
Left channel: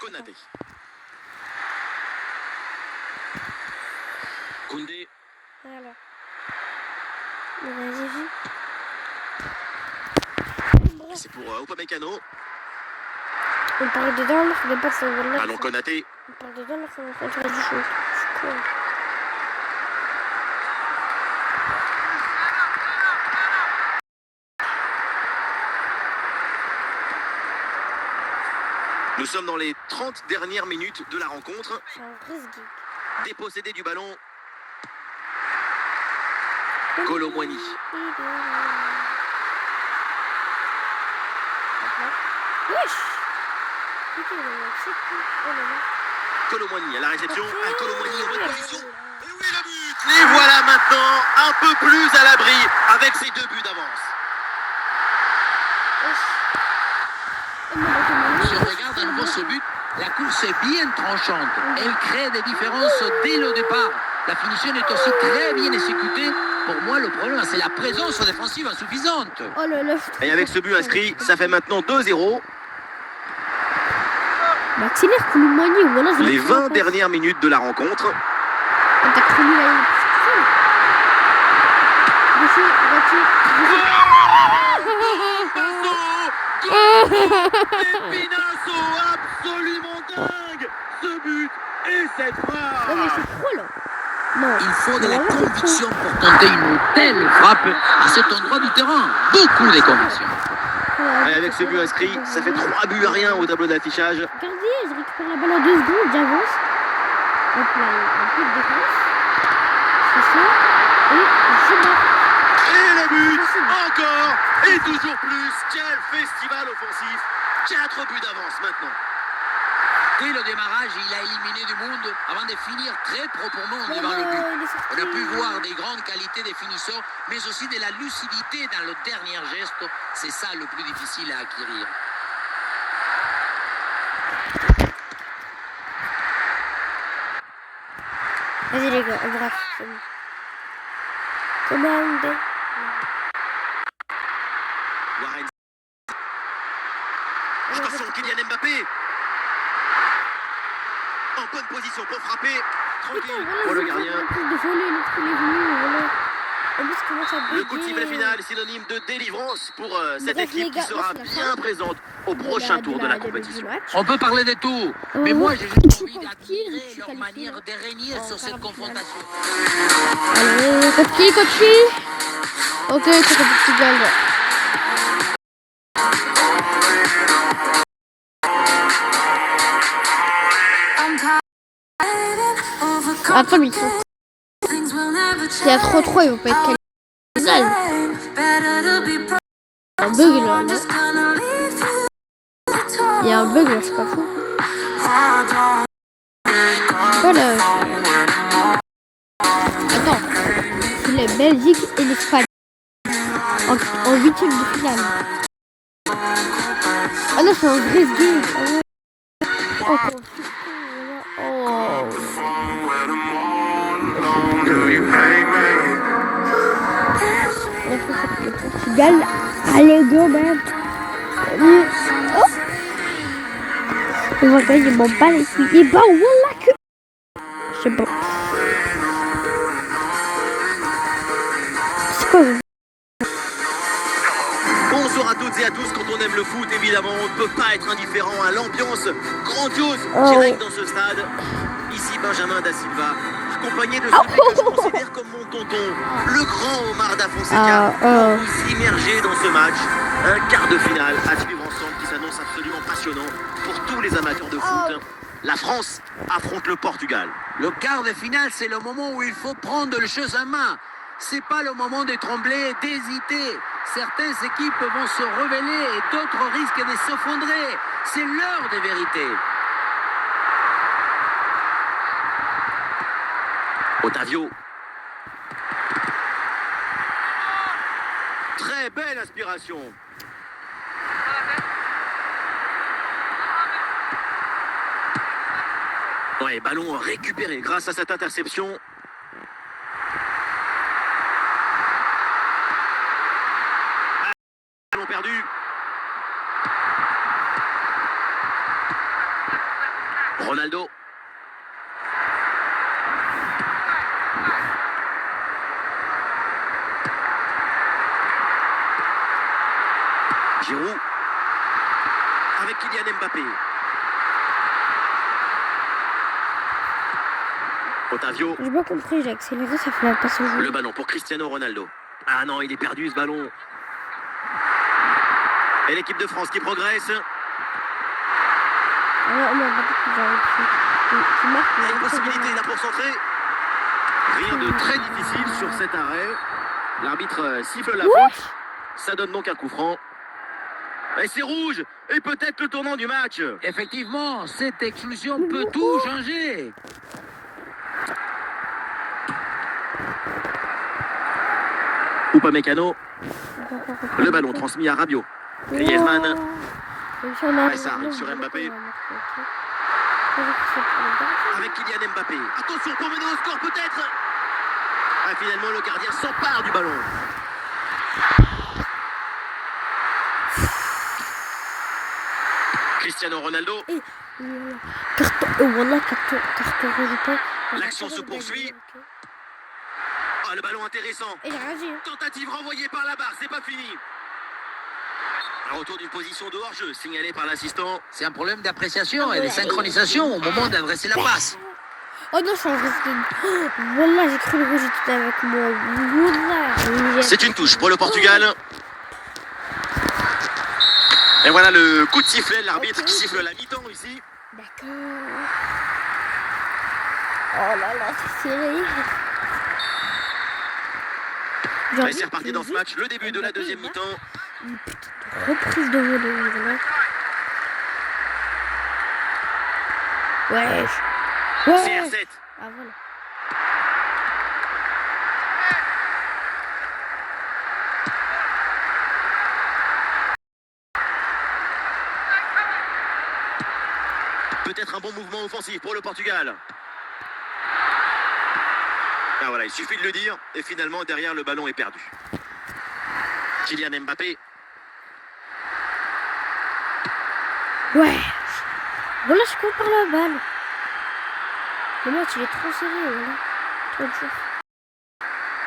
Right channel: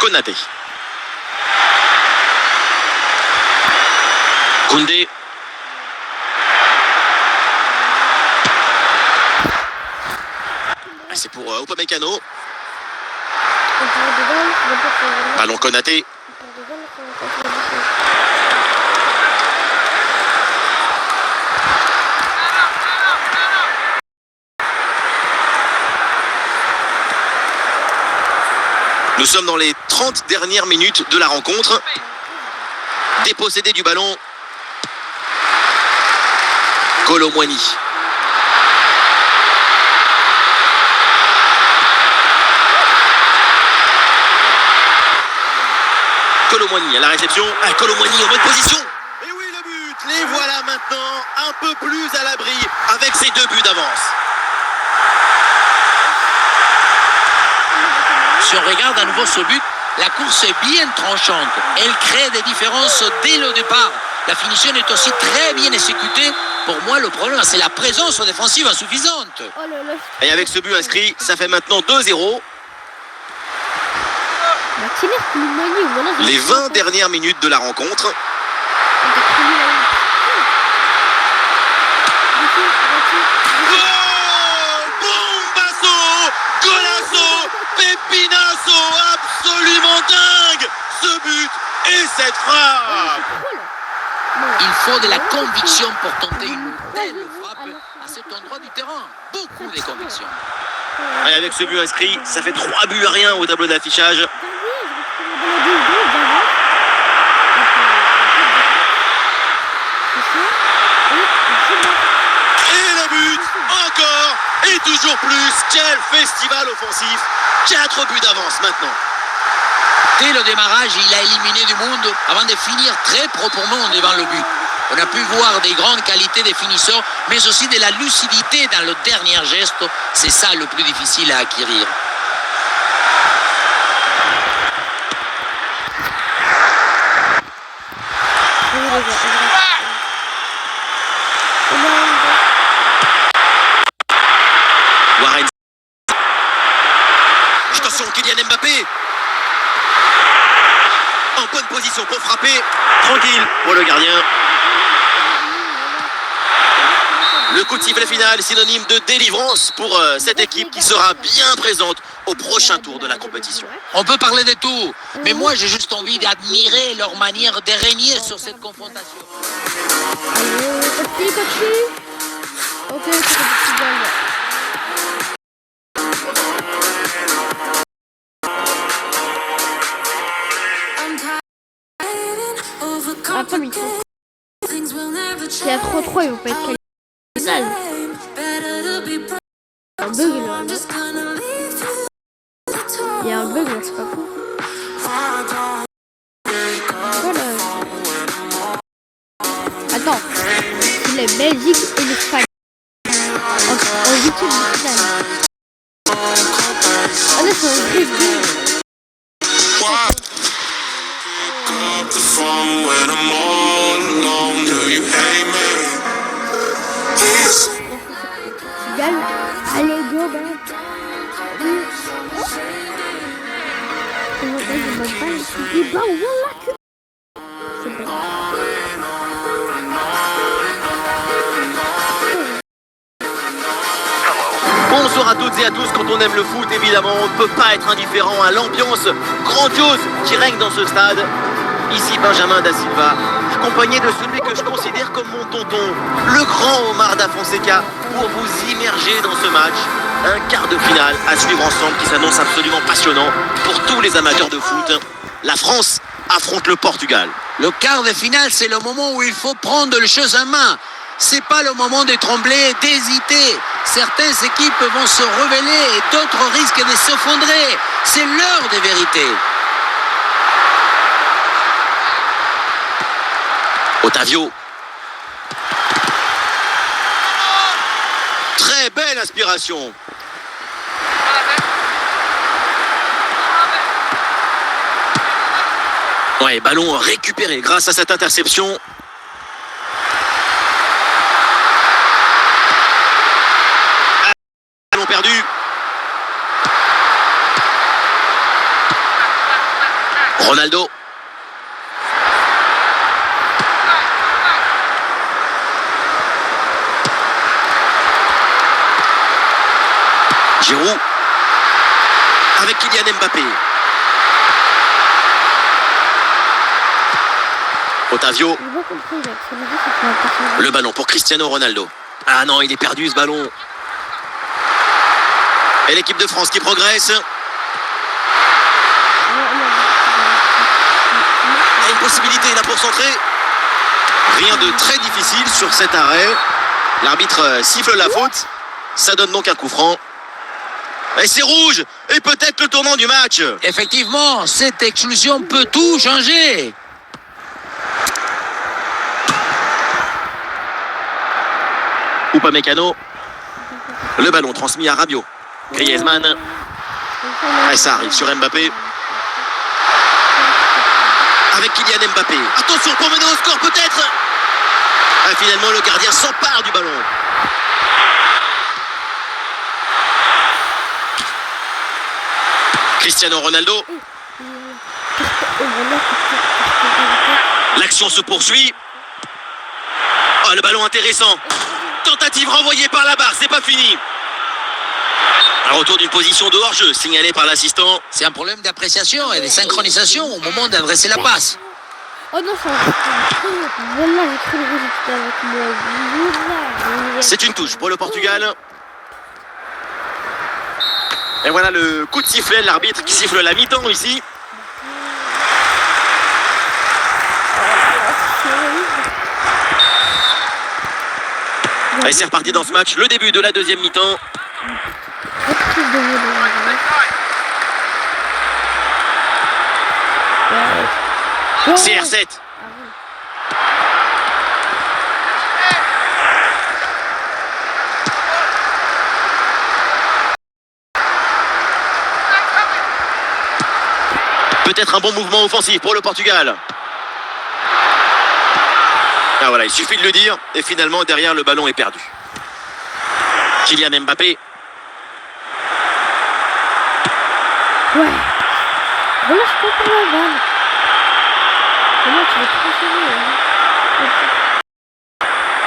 Konaté. Koundé. C'est pour Upamecano. Ballon Konaté. Nous sommes dans les 30 dernières minutes de la rencontre. Dépossédé du ballon. Kolo Muani. Kolo Muani à la réception. Kolo Muani en bonne position. Et oui, le but. Les voilà maintenant un peu plus à l'abri avec ces 2 buts d'avance. Si on regarde à nouveau ce but, la course est bien tranchante. Elle crée des différences dès le départ. La finition est aussi très bien exécutée. Pour moi, le problème, c'est la présence défensive insuffisante. Et avec ce but inscrit, ça fait maintenant 2-0. Maxime Koulibaly, voilà. Les 20 dernières minutes de la rencontre. Bombazo, golazo, pépinazo, absolument dingue. Ce but et cette frappe. Il faut de la conviction pour tenter une telle frappe à cet endroit du terrain. Beaucoup de conviction. Et avec ce but inscrit, ça fait 3 buts à rien au tableau d'affichage. Et le but, encore et toujours plus. Quel festival offensif. 4 buts d'avance maintenant. Dès le démarrage, il a éliminé du monde avant de finir très proprement devant le but. On a pu voir des grandes qualités des finisseurs, mais aussi de la lucidité dans le dernier geste. C'est ça le plus difficile à acquérir. Warren. Attention, Kylian Mbappé. En bonne position pour frapper. Tranquille pour le gardien. Le coup de sifflet final, synonyme de délivrance pour cette équipe qui sera bien présente au prochain tour de la compétition. On peut parler de tout, mais moi j'ai juste envie d'admirer leur manière de régner sur cette confrontation. Allez, Kofi. Ok, c'est le Portugal. Attends, mais il faut... S'il y a trop, ils vont pas être qualifiés. Il y a un bug là, non? Il y a un bug là, c'est pas fou. Voilà. Attends, c'est la Belgique et l'Espagne en huitième de finale. Ah non, c'est un vrai game. Portugal, allez go man. Je vois que je m'en bats les couilles. Bah voilà que... C'est bon. Bonsoir à toutes et à tous. Quand on aime le foot, évidemment, on ne peut pas être indifférent à l'ambiance grandiose qui règne dans ce stade. Ici Benjamin Da Silva, accompagné de celui que je considère comme mon tonton, le grand Omar Da Fonseca, pour vous immerger dans ce match. Un quart de finale à suivre ensemble qui s'annonce absolument passionnant pour tous les amateurs de foot. La France affronte le Portugal. Le quart de finale, c'est le moment où il faut prendre les choses en main. C'est pas le moment de trembler, d'hésiter. Certaines équipes vont se rebeller et d'autres risquent de s'effondrer. C'est l'heure des vérités. Otavio. Très belle inspiration. Ouais, ballon récupéré grâce à cette interception. Ballon perdu. Ronaldo. Giroud avec Kylian Mbappé. Otavio. Le ballon pour Cristiano Ronaldo. Ah non, il est perdu ce ballon. Et l'équipe de France qui progresse. Il y a une possibilité là pour centrer. Rien de très difficile sur cet arrêt. L'arbitre siffle la faute. Ça donne donc un coup franc. Et c'est rouge. Et peut-être le tournant du match. Effectivement, cette exclusion peut tout changer. Upamecano. Le ballon transmis à Rabiot. Griezmann. Et ça arrive sur Mbappé. Avec Kylian Mbappé. Attention pour mener au score peut-être. Ah, finalement le gardien s'empare du ballon. Cristiano Ronaldo. L'action se poursuit. Oh, le ballon intéressant. Tentative renvoyée par la barre, c'est pas fini. Un retour d'une position de hors-jeu signalé par l'assistant. C'est un problème d'appréciation et de synchronisation au moment d'adresser la passe. Oh non, ça va. Voilà, j'ai cru le rouge était avec moi. Voilà. C'est une touche pour le Portugal. Et voilà le coup de sifflet, l'arbitre qui siffle la mi-temps ici. Oh là là, c'est horrible. Et c'est reparti dans ce match, le début de la deuxième mi-temps. Reprise de volée. Ouais. CR7. Ah, voilà. Peut-être un bon mouvement offensif pour le Portugal. Ah voilà, il suffit de le dire. Et finalement, derrière, le ballon est perdu. Kylian Mbappé. Ouais. Voilà, je peux prendre la balle. Comment tu vas transférer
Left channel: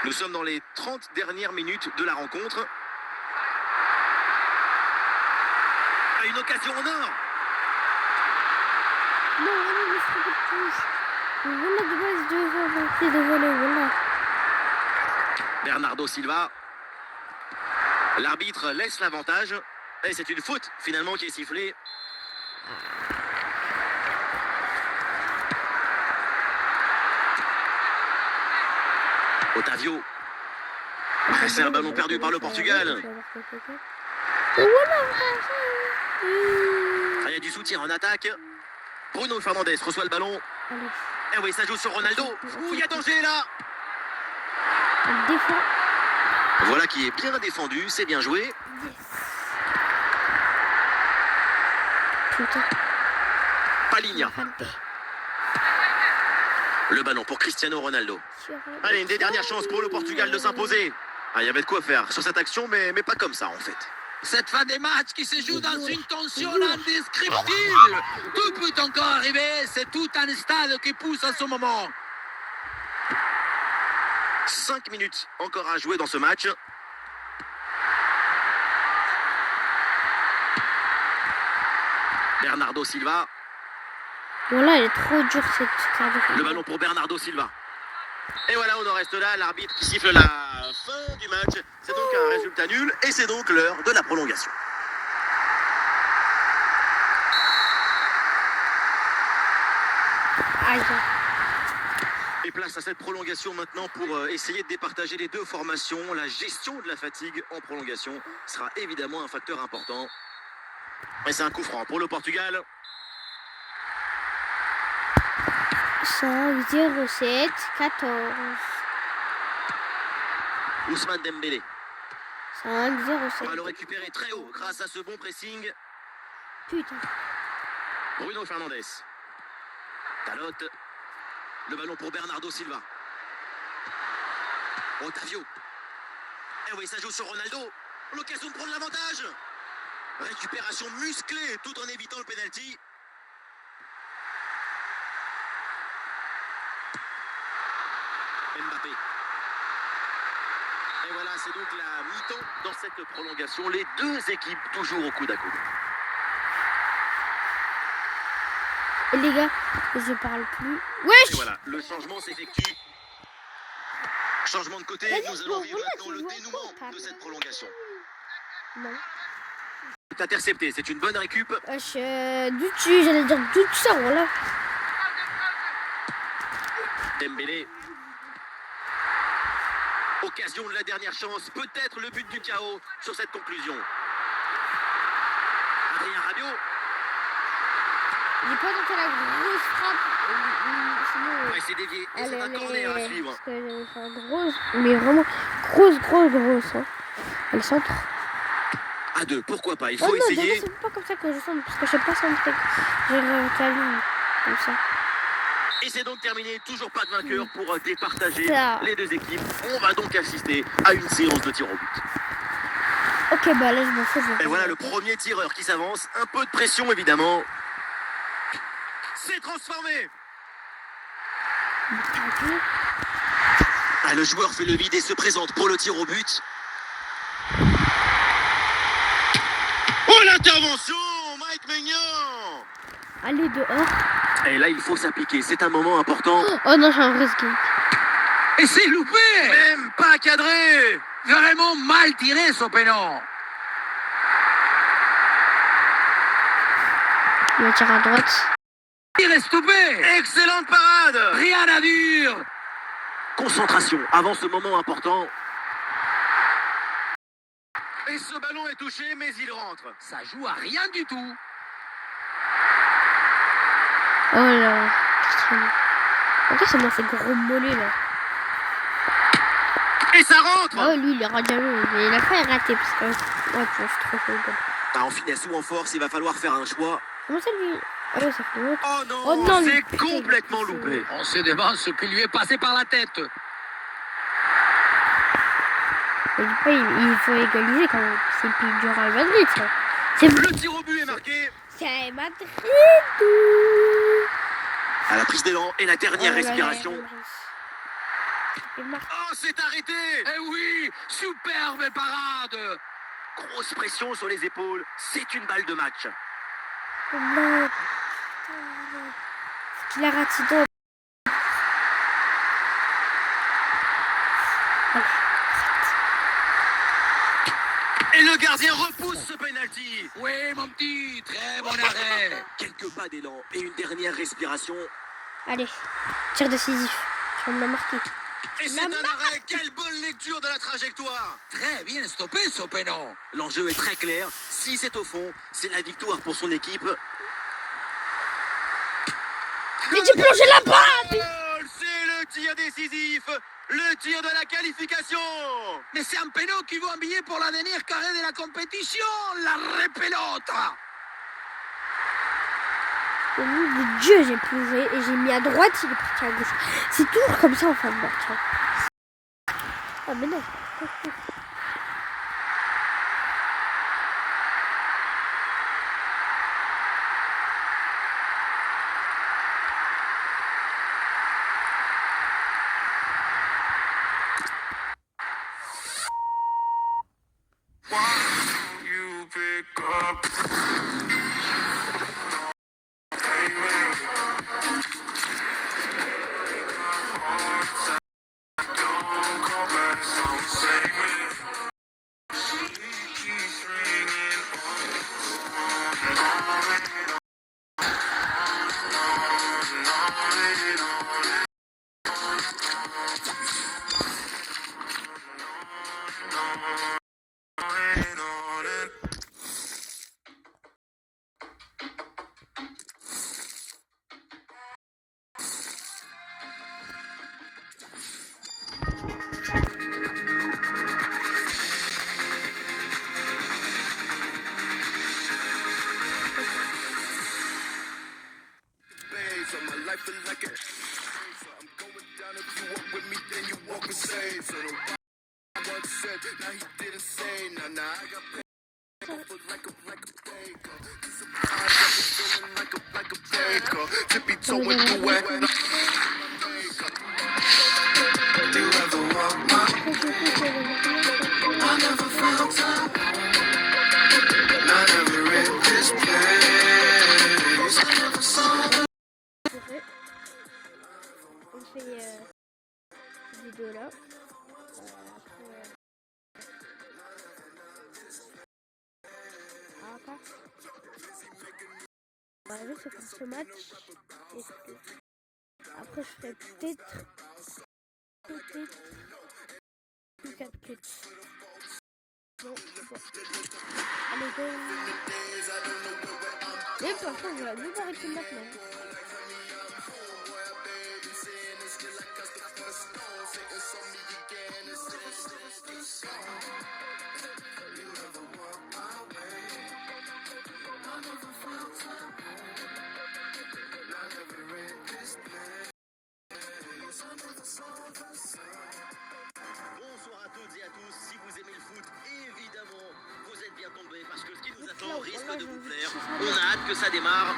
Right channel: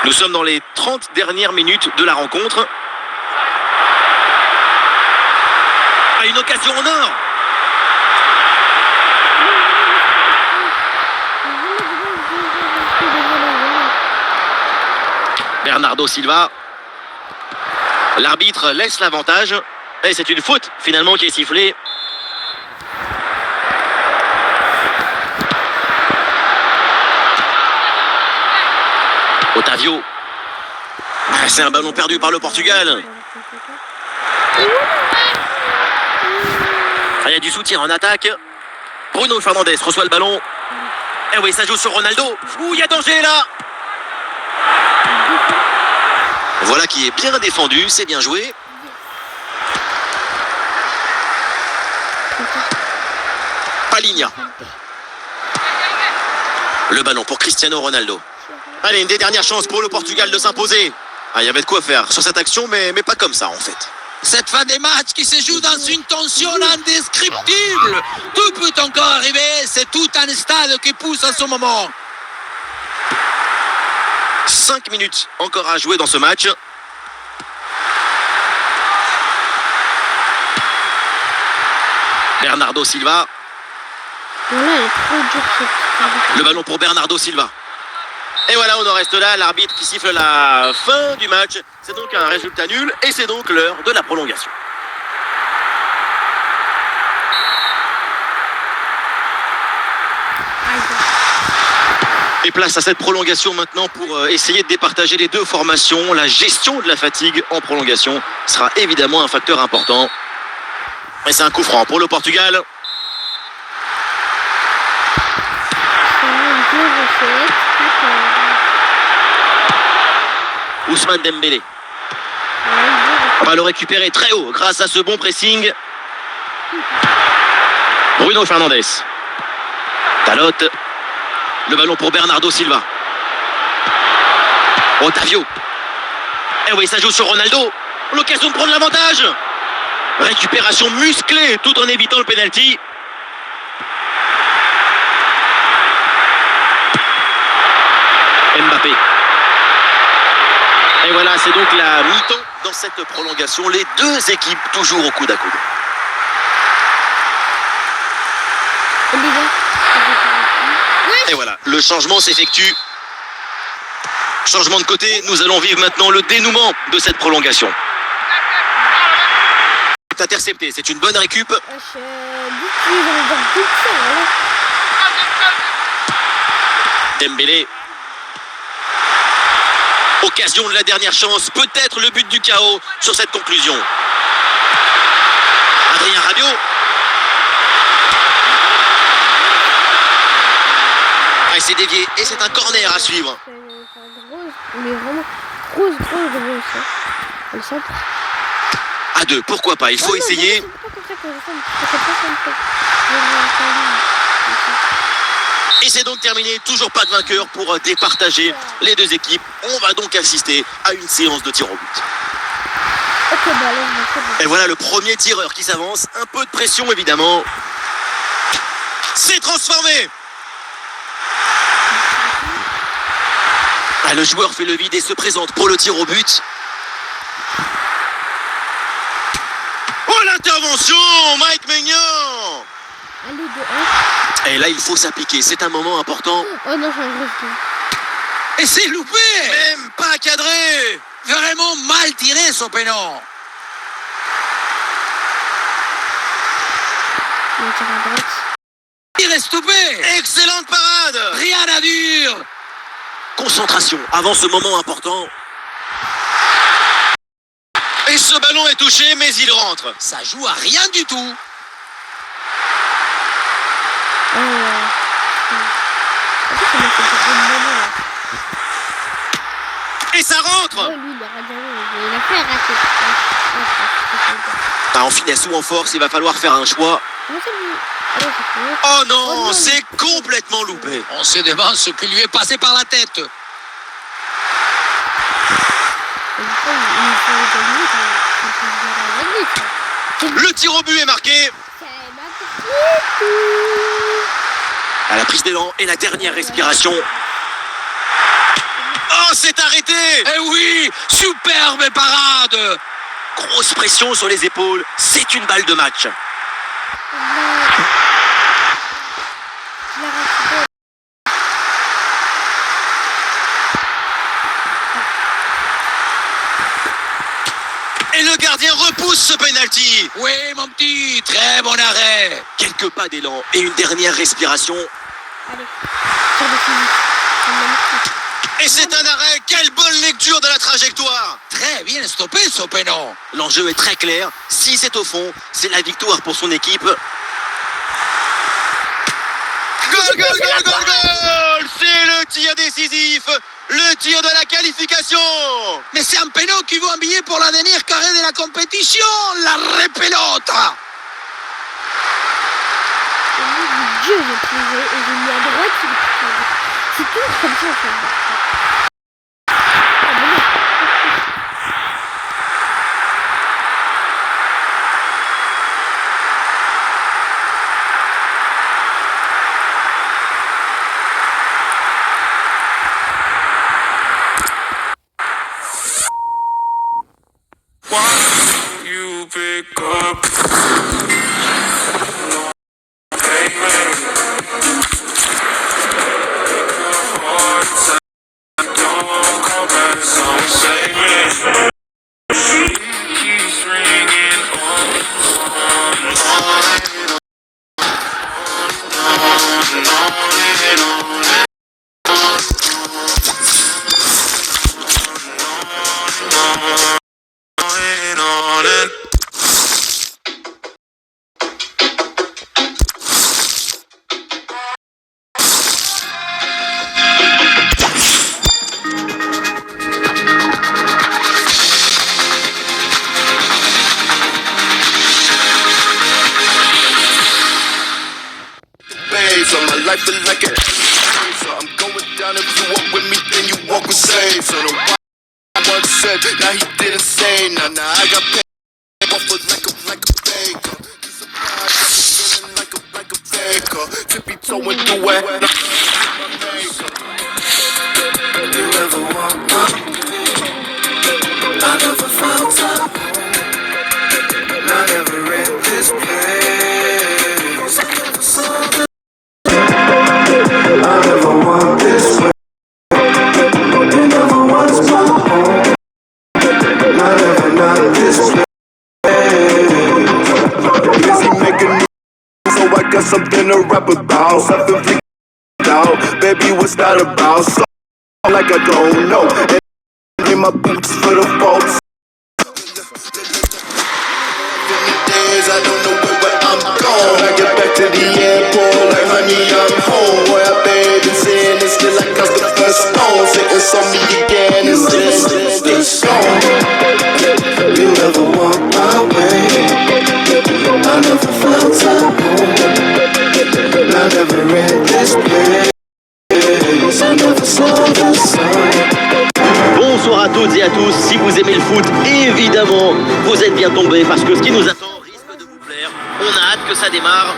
Nous sommes dans les 30 dernières minutes de la rencontre. Ah, une occasion en or. Bernardo Silva. L'arbitre laisse l'avantage. Et c'est une faute finalement qui est sifflée. Otavio. Ah, c'est un ballon perdu par le Portugal. Ah, il y a du soutien en attaque. Bruno Fernandes reçoit le ballon. Eh oui, ça joue sur Ronaldo. Ouh, il y a danger là. Voilà qui est bien défendu, c'est bien joué. Palinha. Le ballon pour Cristiano Ronaldo. Allez, une des dernières chances pour le Portugal de s'imposer. Ah, il y avait de quoi faire sur cette action, mais pas comme ça en fait. Cette fin des matchs qui se joue dans une tension indescriptible. Tout peut encore arriver, c'est tout un stade qui pousse en ce moment. 5 minutes encore à jouer dans ce match. Bernardo Silva. Voilà, elle est trop dure cette carte. Le ballon pour Bernardo Silva. Et voilà, on en reste là. L'arbitre qui siffle la fin du match. C'est donc un résultat nul et c'est donc l'heure de la prolongation. Aïe. Et place à cette prolongation maintenant pour essayer de départager les deux formations. La gestion de la fatigue en prolongation sera évidemment un facteur important. Et c'est un coup franc pour le Portugal. C'est 0,7, 14. Ousmane Dembélé. On va le récupérer très haut grâce à ce bon pressing. Bruno Fernandes. Dalot. Le ballon pour Bernardo Silva. Otavio. Eh oui, ça joue sur Ronaldo. L'occasion de prendre l'avantage. Récupération musclée tout en évitant le penalty. Mbappé. Et voilà, c'est donc la mi-temps dans cette prolongation. Les deux équipes toujours au coude à coude. Et les gars, Et voilà, le changement s'effectue. Changement de côté, nous allons vivre maintenant le dénouement de cette prolongation. Intercepté, c'est une bonne récup. Dembélé. Occasion de la dernière chance, peut-être le but du chaos sur cette conclusion. Adrien Rabiot. Ah, c'est dévié et c'est un corner à suivre. Mais vraiment grosse. Hein. Le centre. À deux, pourquoi pas, il faut essayer. C'est pas comme ça que je sens. C'est pas comme ça. Et c'est donc terminé, toujours pas de vainqueur pour départager les deux équipes. On va donc assister à une séance de tir au but. Ok, bah allez, c'est bon. Et voilà le premier tireur qui s'avance. Un peu de pression évidemment. C'est transformé. Ah, le joueur fait le vide et se présente pour le tir au but. Oh, l'intervention, Mike Maignan. Allez, 2-1. Et là, il faut s'appliquer. C'est un moment important. Oh non, j'ai un risque. Et c'est loupé. Même pas cadré. Vraiment mal tiré, son pénon. Il va tirer à droite. Il est stoppé. Excellente parade. Rien à dire. Concentration avant ce moment important. Et ce ballon est touché, mais il rentre. Ça joue à rien du tout. Oh là. En fait, ça m'a fait trop de monnaie là. Et ça rentre. Oh, lui, il est radieux. Il a fait rater. En finesse ou en force, il va falloir faire un choix. Comment ça lui? Ah non, ça fait... Oh non, Oh non, c'est mais- complètement loupé. On se demande ce qui lui est passé par la tête. Il faut gagner quand même. Il faut bien gagner, ça. Le tir au but est marqué. C'est ma À la prise d'élan et la dernière respiration. Oh, c'est arrêté. Eh oui, superbe parade. Grosse pression sur les épaules. C'est une balle de match. Il a raté. Et le gardien repousse ce penalty. Oui, mon petit, très bon arrêt. Quelques pas d'élan et une dernière respiration. Allez, tire décisif. Ça me l'a marqué. Et c'est un arrêt. Quelle bonne lecture de la trajectoire. Très bien stoppé, son pénon. L'enjeu est très clair. Si c'est au fond, c'est la victoire pour son équipe. Goal, goal, goal, goal, goal. C'est le tir décisif. Le tir de la qualification. Mais c'est un pénon qui veut un billet pour la dernière carré de la compétition. La repelota. Et lui, du Dieu, j'ai pris et j'ai mis à droite. Il est pris à gauche. C'est toujours comme ça, en fait. Ah, mais non. Why don't you pick up? Hey, man. Don't come back, some say me. She keeps ringing on it. So my life is like a so I'm going down. If you walk with me, then you walk with save. So the one said, now he didn't say. Now I got paid off with like a baker. He's surprised, feeling like a baker. Tippy toeing through it. You ever walk up? I never felt up. I never read this place. I never saw the I never want this way. You never was my home. I never not this way. Busy making music, so I got something to rap about. Something to out. Baby, what's that about? So like I don't know. And in my boots for the folks. Days I don't know where I'm going. I get back to the airport like honey, I'm home. Where I bathe and sin and still I cast the first stone. Sitting on me again is this song. You never walk my way. I never felt at home. I never read this place. I never saw the sun. Bonsoir à toutes et à tous. Si vous aimez le foot, évidemment, vous êtes bien tombés parce que ce qui nous attend risque de vous plaire. On a hâte que ça démarre.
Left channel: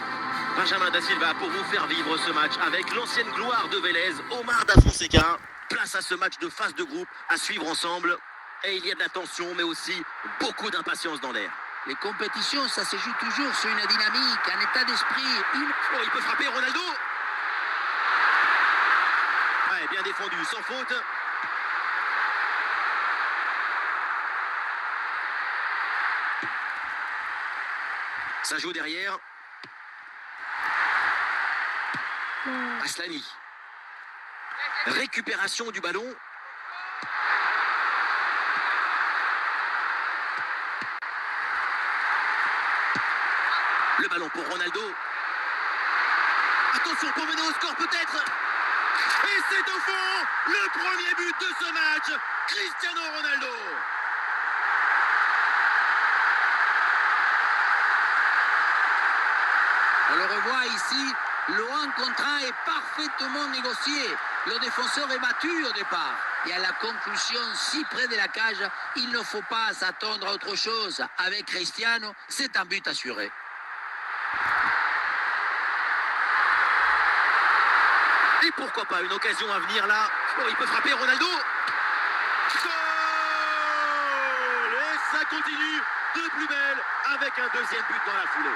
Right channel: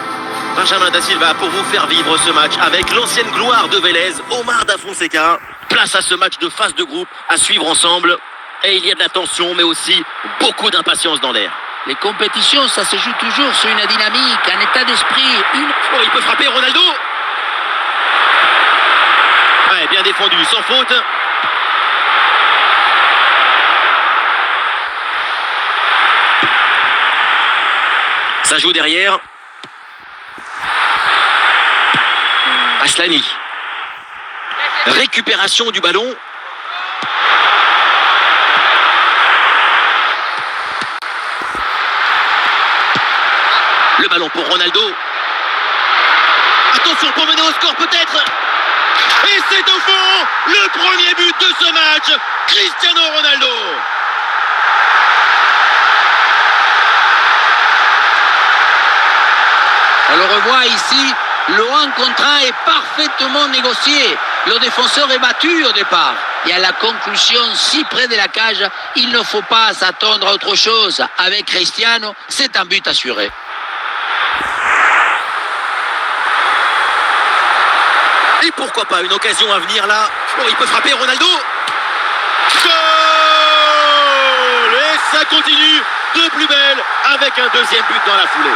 Benjamin Da Silva pour vous faire vivre ce match avec l'ancienne gloire de Vélez, Omar Da Fonseca. Place à ce match de phase de groupe à suivre ensemble. Et il y a de la tension, mais aussi beaucoup d'impatience dans l'air. Les compétitions, ça se joue toujours sur une dynamique, un état d'esprit, une... Oh, il peut frapper Ronaldo. Ouais, bien défendu, sans faute. Ça joue derrière. Aslani. Récupération du ballon. Le ballon pour Ronaldo. Attention pour mener au score peut-être. Et c'est au fond le premier but de ce match. Cristiano Ronaldo. On le revoit ici, le 1 contre 1 est parfaitement négocié. Le défenseur est battu au départ. Et à la conclusion, si près de la cage, il ne faut pas s'attendre à autre chose. Avec Cristiano, c'est un but assuré. Et pourquoi pas une occasion à venir là. Oh, il peut frapper Ronaldo. Goal. Et ça continue de plus belle avec un deuxième but dans la foulée.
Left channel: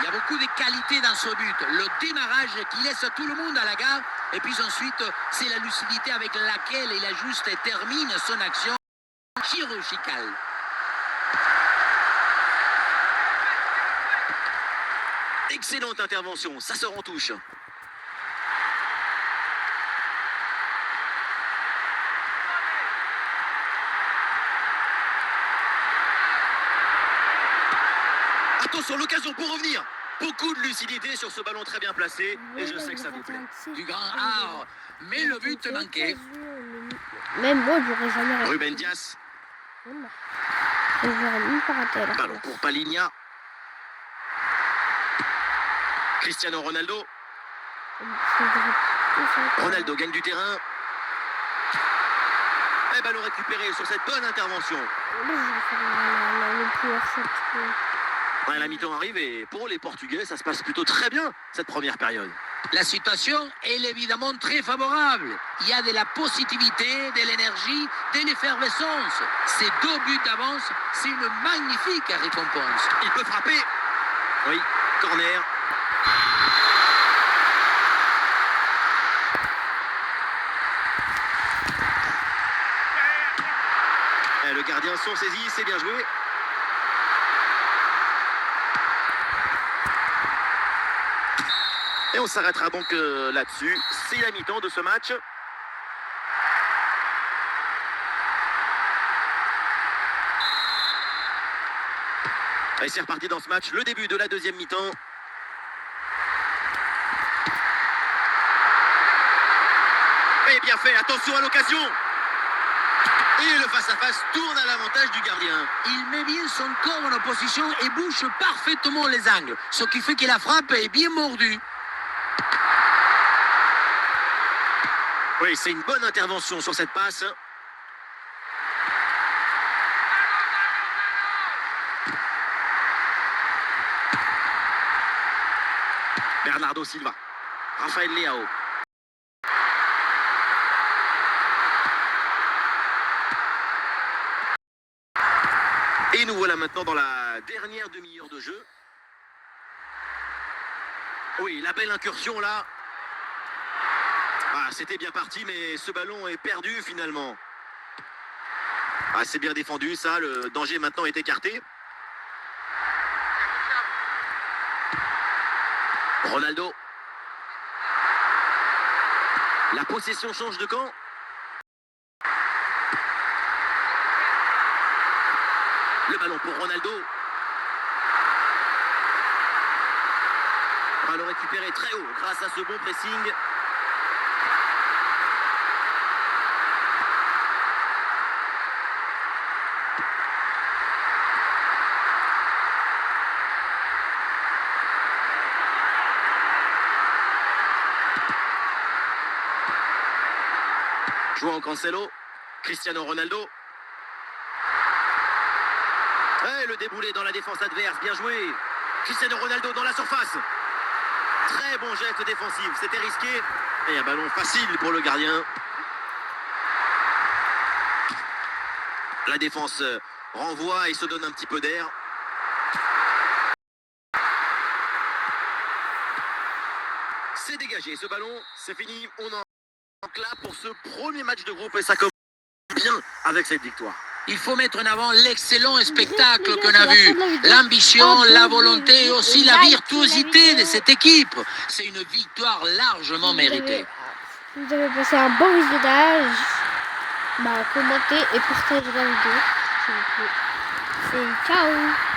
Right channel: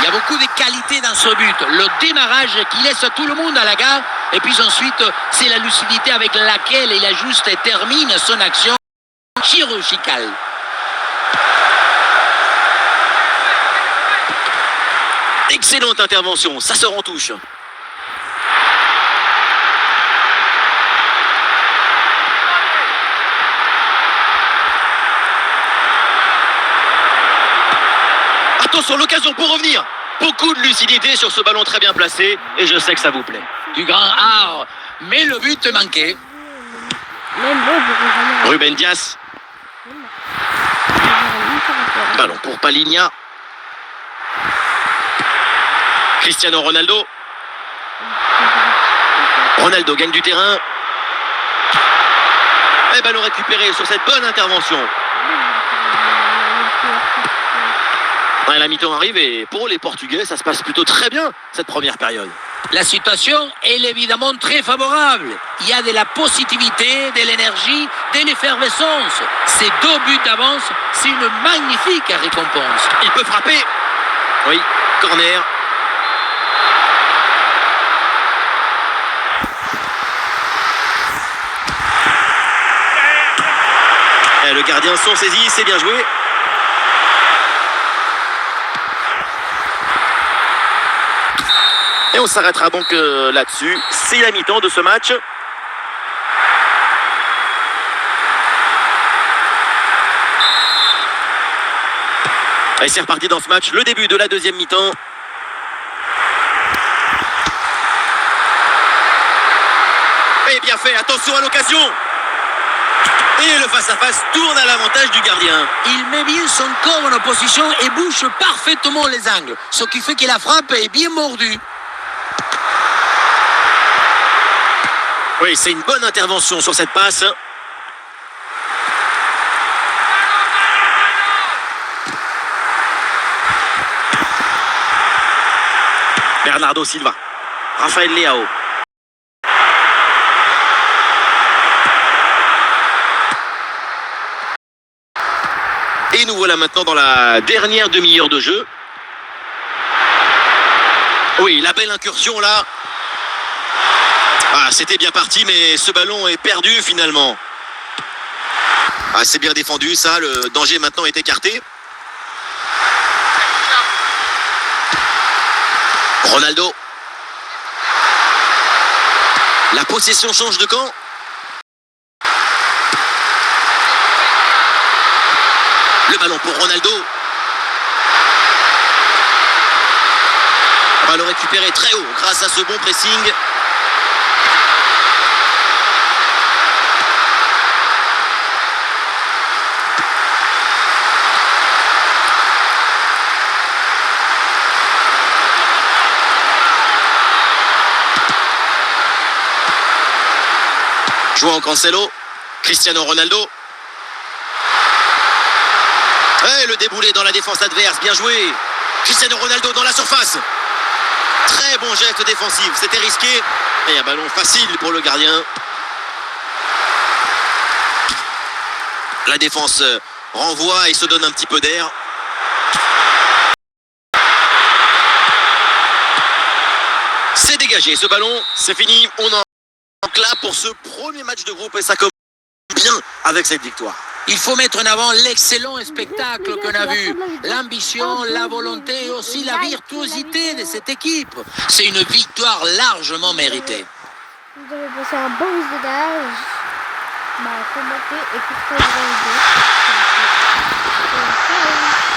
Il y a beaucoup de qualités dans ce but. Le démarrage qui laisse tout le monde à la gare. Et puis ensuite, c'est la lucidité avec laquelle il ajuste et termine son action chirurgicale. Excellente intervention, ça sort en touche. Attention, l'occasion pour revenir. Beaucoup de lucidité sur ce ballon très bien placé. Et je sais que ça vous plaît. Du grand art. Mais le but manquait. Même moi, j'aurais jamais Ruben Dias. Ballon pour Palinha. Cristiano Ronaldo. Ronaldo gagne du terrain. Et ballon récupéré sur cette bonne intervention. Ouais, la mi-temps arrive et pour les Portugais, ça se passe plutôt très bien cette première période. La situation est évidemment très favorable. Il y a de la positivité, de l'énergie, de l'effervescence. Ces 2 buts d'avance, c'est une magnifique récompense. Il peut frapper. Oui, corner. Et le gardien s'en saisit, c'est bien joué. Et on s'arrêtera donc là-dessus. C'est la mi-temps de ce match. Et c'est reparti dans ce match. Le début de la deuxième mi-temps. Et bien fait, attention à l'occasion. Et le face-à-face tourne à l'avantage du gardien. Il met bien son corps en opposition et bouche parfaitement les angles. Ce qui fait que la frappe est bien mordue. Oui, c'est une bonne intervention sur cette passe. Bernardo Silva. Rafael Leao. Et nous voilà maintenant dans la dernière demi-heure de jeu. Oui, la belle incursion là. Ah, c'était bien parti, mais ce ballon est perdu finalement. Ah, c'est bien défendu, ça. Le danger maintenant est écarté. Ronaldo. La possession change de camp. Le ballon pour Ronaldo. Ballon récupéré très haut grâce à ce bon pressing. João Cancelo, Cristiano Ronaldo. Et le déboulé dans la défense adverse, bien joué. Cristiano Ronaldo dans la surface. Très bon geste défensif, c'était risqué. Et un ballon facile pour le gardien. La défense renvoie et se donne un petit peu d'air. C'est dégagé ce ballon, c'est fini. On en clap pour ce premier match de groupe et ça commence bien avec cette victoire. Il faut mettre en avant l'excellent spectacle qu'on a vu, l'ambition, la volonté et aussi la virtuosité de cette équipe. C'est une victoire largement méritée. Vous avez passé un bon visionnage. Commentez et partagez la vidéo. Ciao.